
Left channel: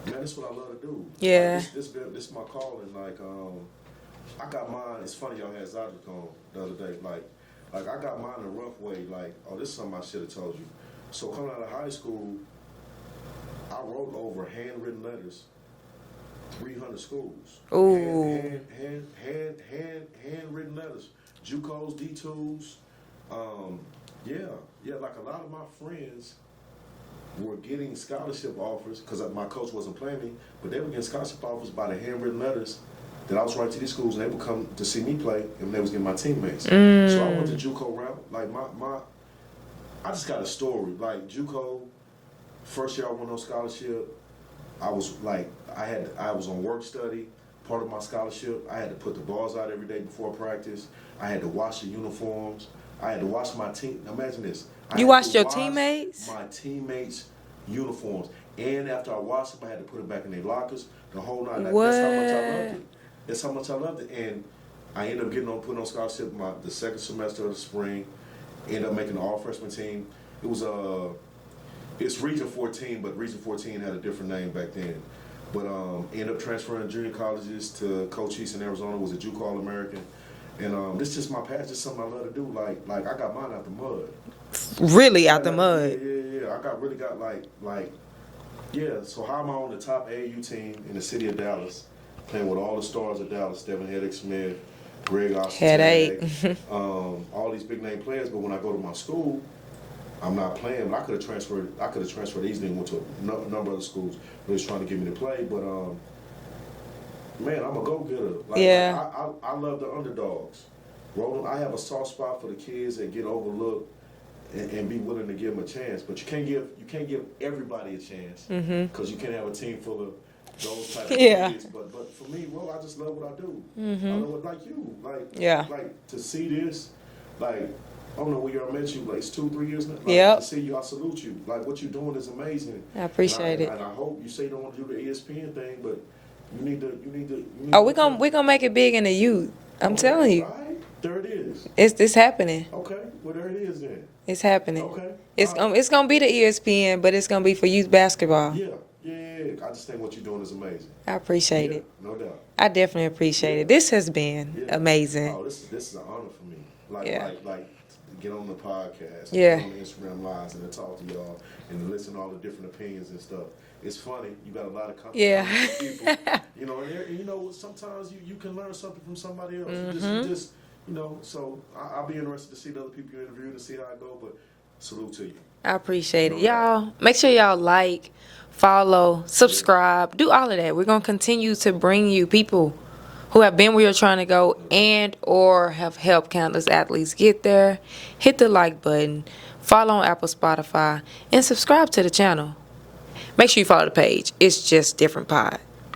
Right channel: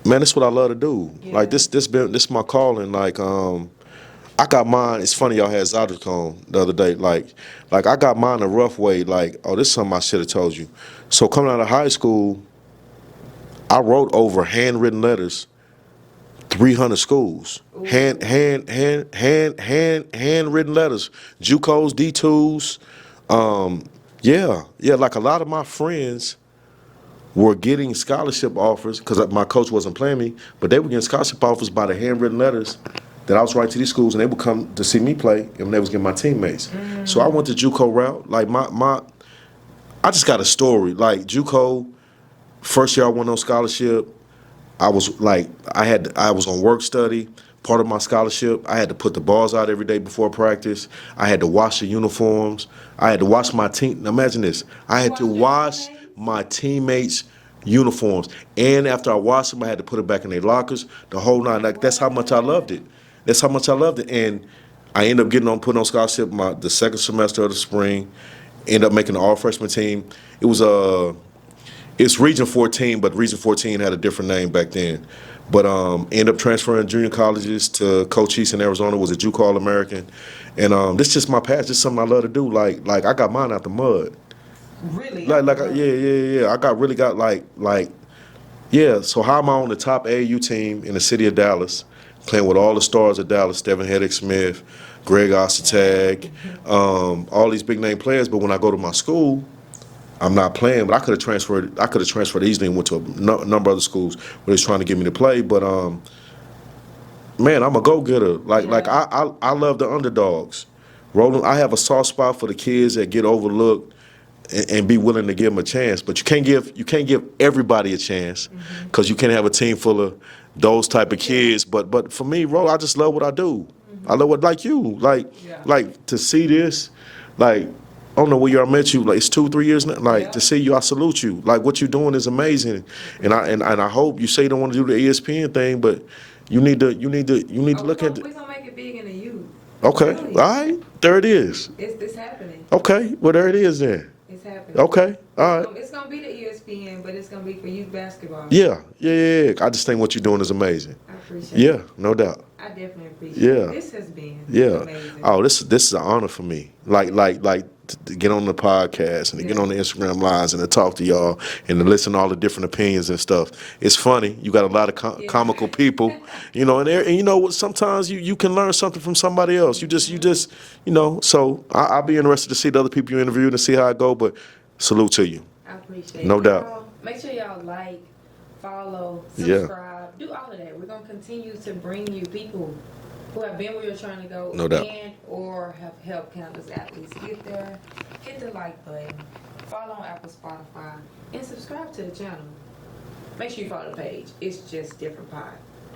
that's what I love to do. Yeah. Like this is my calling. Like I got mine. It's funny y'all had Zydercon the other day. Like I got mine a rough way. Like, oh, this is something I should have told you. So coming out of high school, I wrote over handwritten letters, 300 schools. Ooh. Handwritten letters. JUCOs, D2s. Yeah. Like a lot of my friends were getting scholarship offers because my coach wasn't playing me, but they were getting scholarship offers by the handwritten letters that I was writing to these schools, and they would come to see me play, and they was getting my teammates. So I went the JUCO route. Like I just got a story. Like JUCO, first year I went on scholarship. I was on work study. Part of my scholarship, I had to put the balls out every day before practice. I had to wash the uniforms. I had to wash my team. Imagine this. I had to wash my teammates' uniforms. And after I washed them, I had to put it back in their lockers. The whole nine. Like, that's how much I loved it. That's how much I loved it. And I ended up put on scholarship the second semester of the spring. Ended up making the all-freshman team. It was it's Region 14, but Region 14 had a different name back then. But ended up transferring junior colleges to Cochise in Arizona, was a JUCO All-American. And this is just my passion. This is something I love to do. Like I got mine out the mud. Really out the mud? Yeah. I so how am I on the top AAU team in the city of Dallas, playing with all the stars of Dallas, Devin Hedrick-Smith, Greg Ostertag, all these big name players. But when I go to my school, I'm not playing. But I could have transferred easily and went to a number of other schools where they was trying to get me to play. But man, I'm a go-getter. I love the underdogs. Roland, I have a soft spot for the kids that get overlooked and be willing to give them a chance. But you can't give everybody a chance because you can't have a team full of those type of kids. But for me, Roland, I just love what I do. I love what, like you, like to see this, like, I don't know where I met you. Like, it's 2-3 years now. Like, to see you, I salute you. Like, what you're doing is amazing. I appreciate it. And I hope you say you don't want to do the ESPN thing, but you need to we're gonna make it big in the youth. I'm telling you. All right. There it is. It's happening. Okay. Well, there it is then. It's happening. Okay. It's gonna be the ESPN, but it's gonna be for youth basketball. Yeah. Yeah. I just think what you're doing is amazing. I appreciate it. Yeah, no doubt. I definitely appreciate Yeah. it. This has been amazing. Oh, this is an honor for me. Like to get on the podcast and to get on the Instagram lives and to talk to y'all and to listen to all the different opinions and stuff. It's funny. You got a lot of comical people, you know, and you know, sometimes you can learn something from somebody else. You just, you know, so I'll be interested to see the other people you interviewed and see how it go, but salute to you. I appreciate No it. doubt. Y'all, make sure y'all like, follow, subscribe, do all of that. We're going to continue to bring you people who have been where you're trying to go and or have helped countless athletes get there. Hit the like button, follow on Apple, Spotify, and subscribe to the channel. Make sure you follow the page. It's just Different Pod.